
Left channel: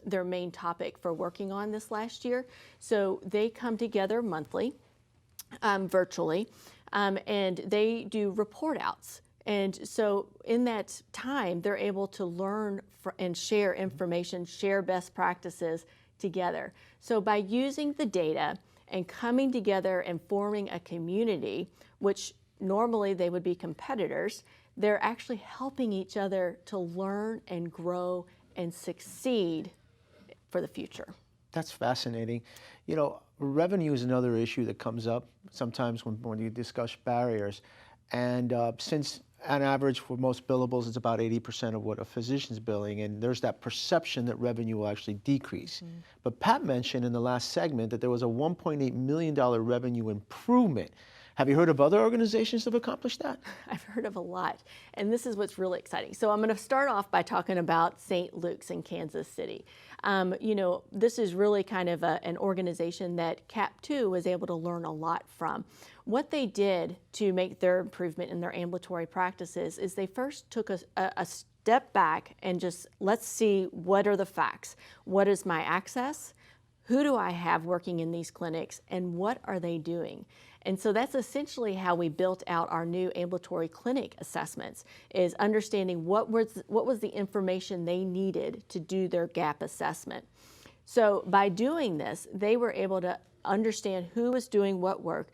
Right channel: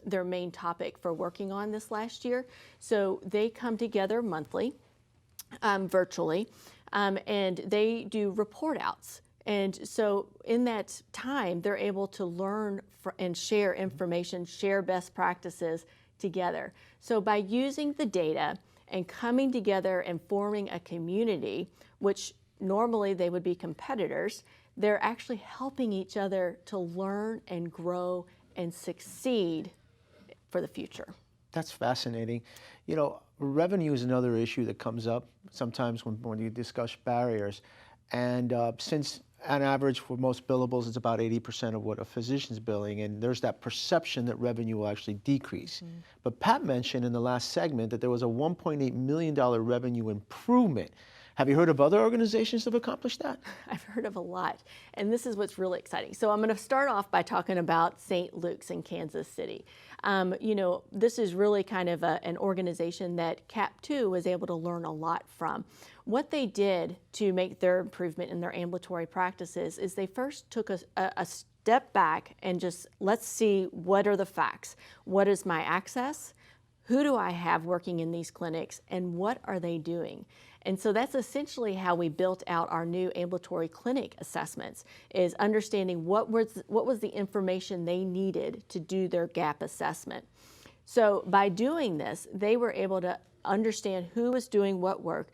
their main topic for working on this last year. So they come together monthly, virtually, and they do report outs. And so in that time, they're able to learn and share information, share best practices together. So by using the data and coming together and forming a community, which normally they would be competitors, they're actually helping each other to learn and grow and succeed for the future. That's fascinating. You know, revenue is another issue that comes up sometimes when you discuss barriers. And since on average for most billables, it's about 80% of what a physician's billing, and there's that perception that revenue will actually decrease. But Pat mentioned in the last segment that there was a $1.8 million revenue improvement. Have you heard of other organizations that have accomplished that? I've heard of a lot, and this is what's really exciting. So I'm going to start off by talking about St. Luke's in Kansas City. You know, this is really kind of an organization that CAP2 was able to learn a lot from. What they did to make their improvement in their ambulatory practices is they first took a step back and just, let's see, what are the facts? What is my access? Who do I have working in these clinics, and what are they doing? And so that's essentially how we built out our new ambulatory clinic assessments, is understanding what was the information they needed to do their gap assessment. So by doing this, they were able to understand who was doing what work.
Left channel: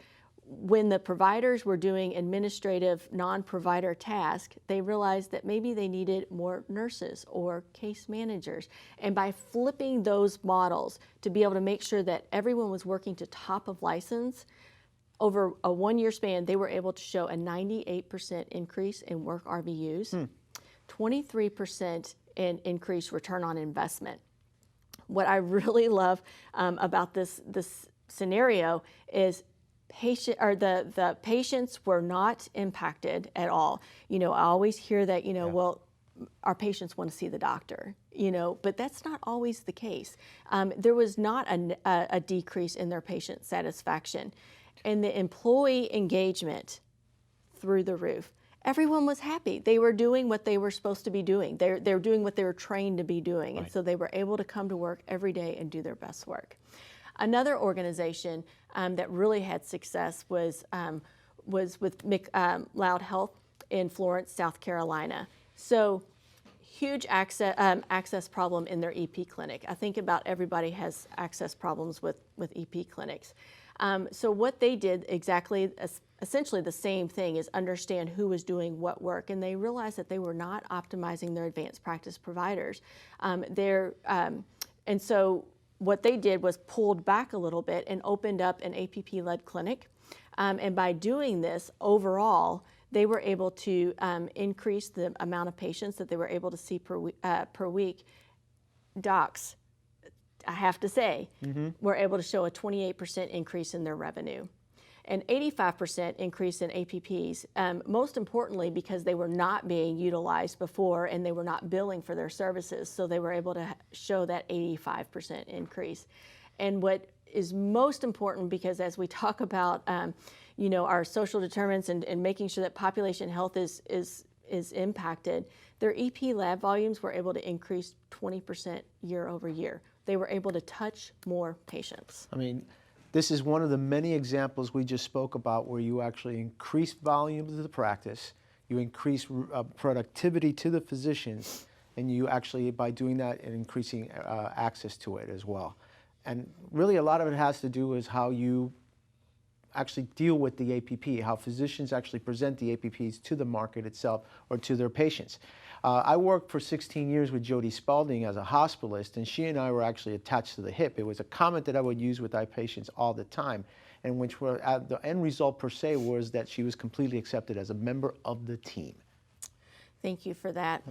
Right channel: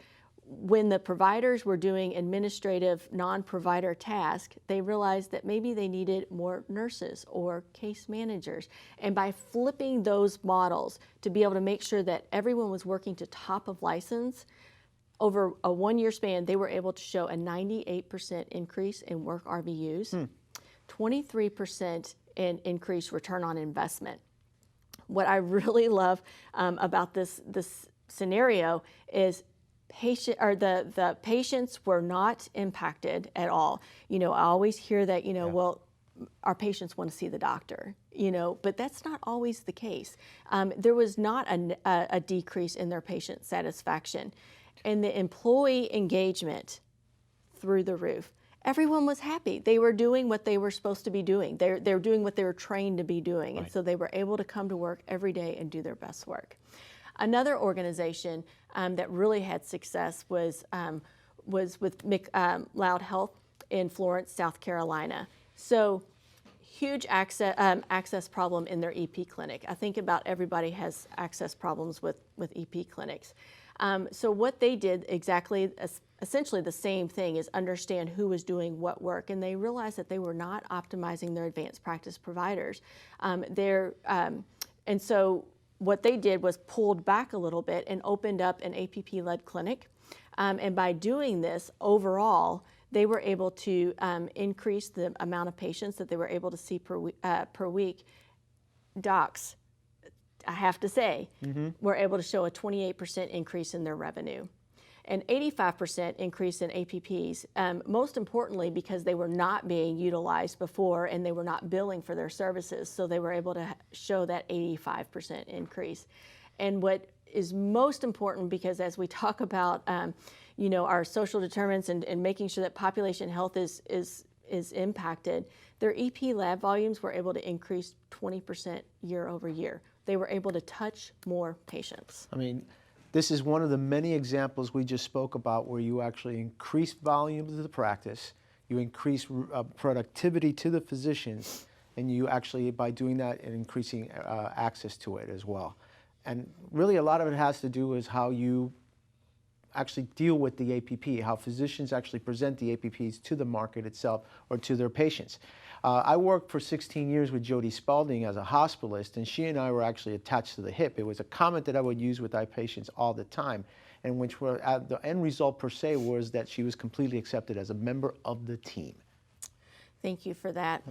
When the providers were doing administrative non-provider tasks, they realized that maybe they needed more nurses or case managers. And by flipping those models to be able to make sure that everyone was working to top of license, over a 1-year span, they were able to show a 98% increase in work RVUs, 23% in increased return on investment. What I really love about this scenario is the patients were not impacted at all. You know, I always hear that, well, our patients want to see the doctor, but that's not always the case. There was not a decrease in their patient satisfaction. And the employee engagement through the roof. Everyone was happy. They were doing what they were supposed to be doing. They were doing what they were trained to be doing. Right. And so they were able to come to work every day and do their best work. Another organization that really had success was with Loud Health in Florence, South Carolina. So huge access problem in their EP clinic. I think about everybody has access problems with EP clinics. So what they did essentially the same thing, is understand who was doing what work, and they realized that they were not optimizing their advanced practice providers. And so what they did was pulled back a little bit and opened up an APP-led clinic. And by doing this, overall, they were able to increase the amount of patients that they were able to see per week. Docs, I have to say, were able to show a 28% increase in their revenue, an 85% increase in APPs, most importantly because they were not being utilized before and they were not billing for their services, so they were able to show that 85% increase. And what is most important, because as we talk about our social determinants and making sure that population health is impacted, their EP lab volumes were able to increase 20% year over year. They were able to touch more patients. I mean, this is one of the many examples we just spoke about where you actually increase volume to the practice, you increase productivity to the physicians, and you actually, by doing that, and increasing access to it as well. And really a lot of it has to do with how you actually deal with the APP, how physicians actually present the APPs to the market itself or to their patients. I worked for 16 years with Jody Spalding as a hospitalist, and she and I were actually attached to the hip. It was a comment that I would use with my patients all the time, and which were, the end result per se was that she was completely accepted as a member of the team. Thank you for that.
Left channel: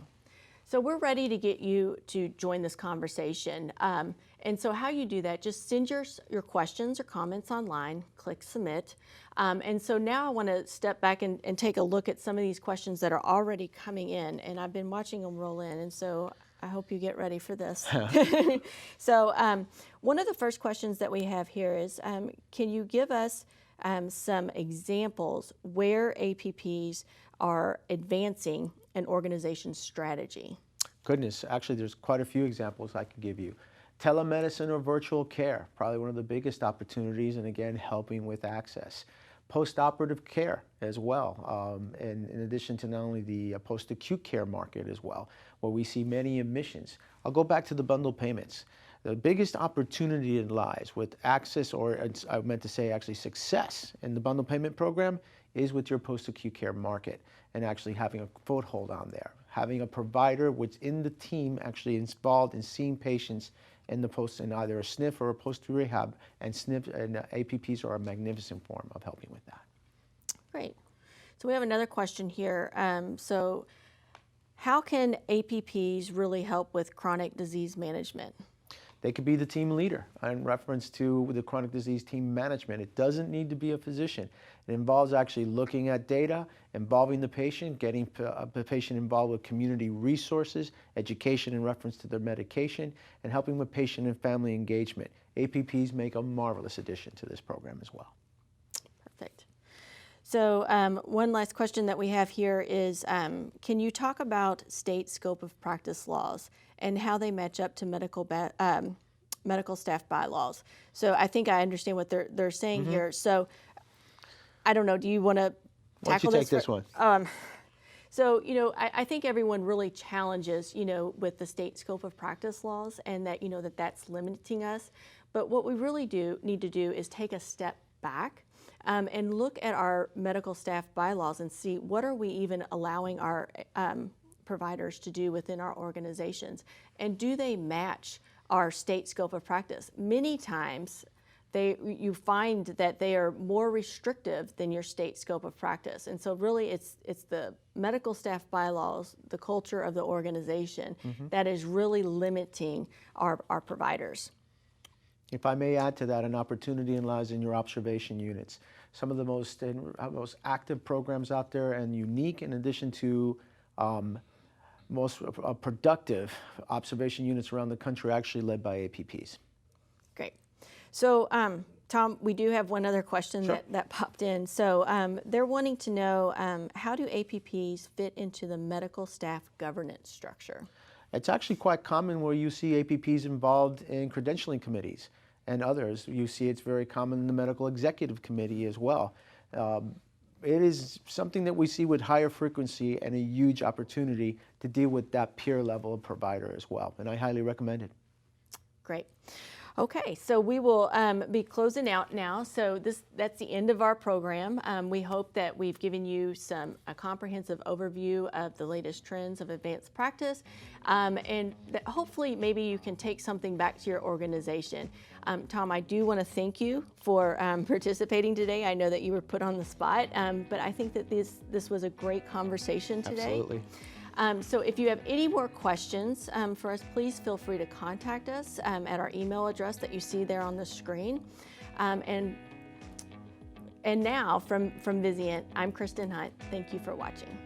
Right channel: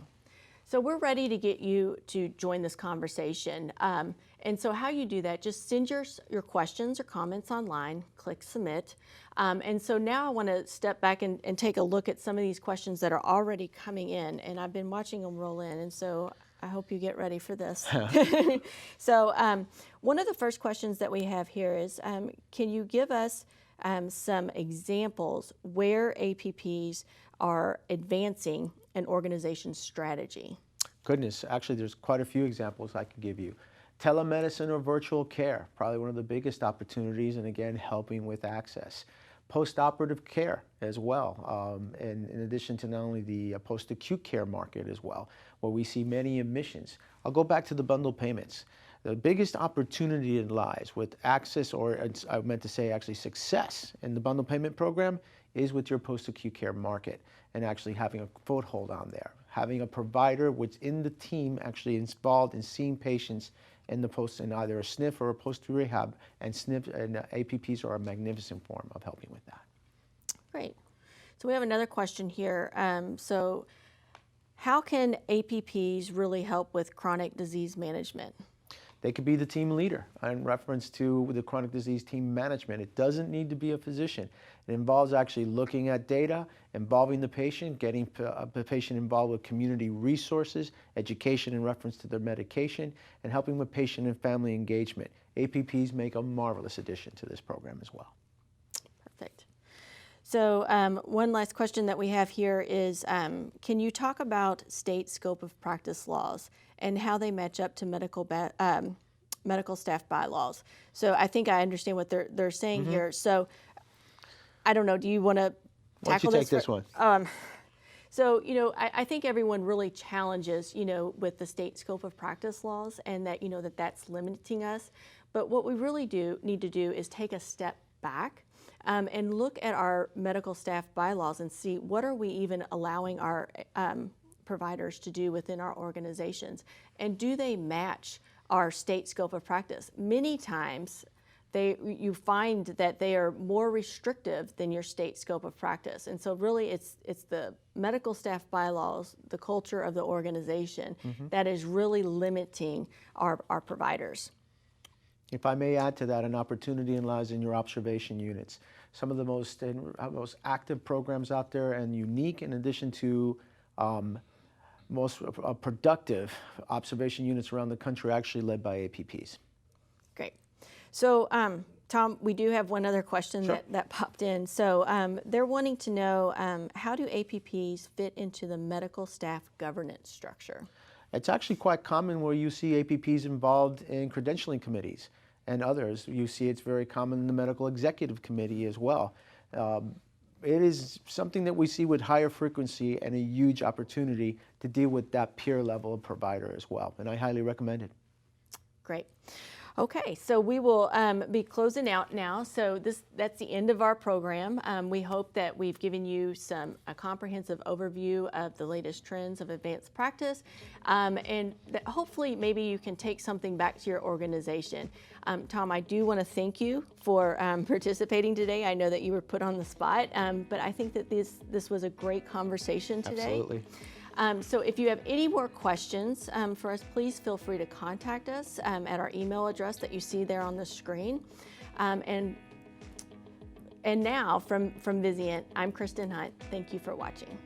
So we're ready to get you to join this conversation. And so how you do that, just send your questions or comments online, click submit. And so now I want to step back and take a look at some of these questions that are already coming in, and I've been watching them roll in, and so I hope you get ready for this. So one of the first questions that we have here is, can you give us some examples where APPs are advancing an organization's strategy? Goodness, actually there's quite a few examples I could give you. Telemedicine or virtual care, probably one of the biggest opportunities, and again, helping with access. Post-operative care as well, and in addition to not only the post-acute care market as well, where we see many admissions. I'll go back to the bundle payments. The biggest opportunity that lies with access, or I meant to say actually success in the bundle payment program, is with your post-acute care market and actually having a foothold on there. Having a provider within the team actually involved in seeing patients in either a SNF or a post-rehab, and APPs are a magnificent form of helping with that. Great. So we have another question here. So how can APPs really help with chronic disease management? They could be the team leader in reference to the chronic disease team management. It doesn't need to be a physician. It involves actually looking at data, involving the patient, getting the patient involved with community resources, education in reference to their medication, and helping with patient and family engagement. APPs make a marvelous addition to this program as well. Perfect. So one last question that we have here is, can you talk about state scope of practice laws and how they match up to medical staff bylaws? So I think I understand what they're saying here. So I don't know, do you want to tackle Why don't you take this one? So, I think everyone really challenges, with the state scope of practice laws and that, that's limiting us. But what we really need to do is take a step back and look at our medical staff bylaws and see what are we even allowing our providers to do within our organizations, and do they match our state scope of practice? Many times you find that they are more restrictive than your state scope of practice, and so really it's the medical staff bylaws, the culture of the organization that is really limiting our providers. If I may add to that, an opportunity lies in your observation units. Some of the most active programs out there, and unique in addition to most productive observation units around the country, are actually led by APPs. Great. So Tom, we do have one other question that popped in. So they're wanting to know, how do APPs fit into the medical staff governance structure? It's actually quite common where you see APPs involved in credentialing committees and others. You see it's very common in the medical executive committee as well. It is something that we see with higher frequency and a huge opportunity to deal with that peer level of provider as well, and I highly recommend it. Great. Okay, so we will be closing out now. So that's the end of our program. We hope that we've given you a comprehensive overview of the latest trends of advanced practice, and that hopefully maybe you can take something back to your organization. Tom, I do want to thank you for participating today. I know that you were put on the spot, but I think that this was a great conversation today. Absolutely. So if you have any more questions for us, please feel free to contact us at our email address that you see there on the screen. And now from Vizient, I'm Kristen Hunt. Thank you for watching.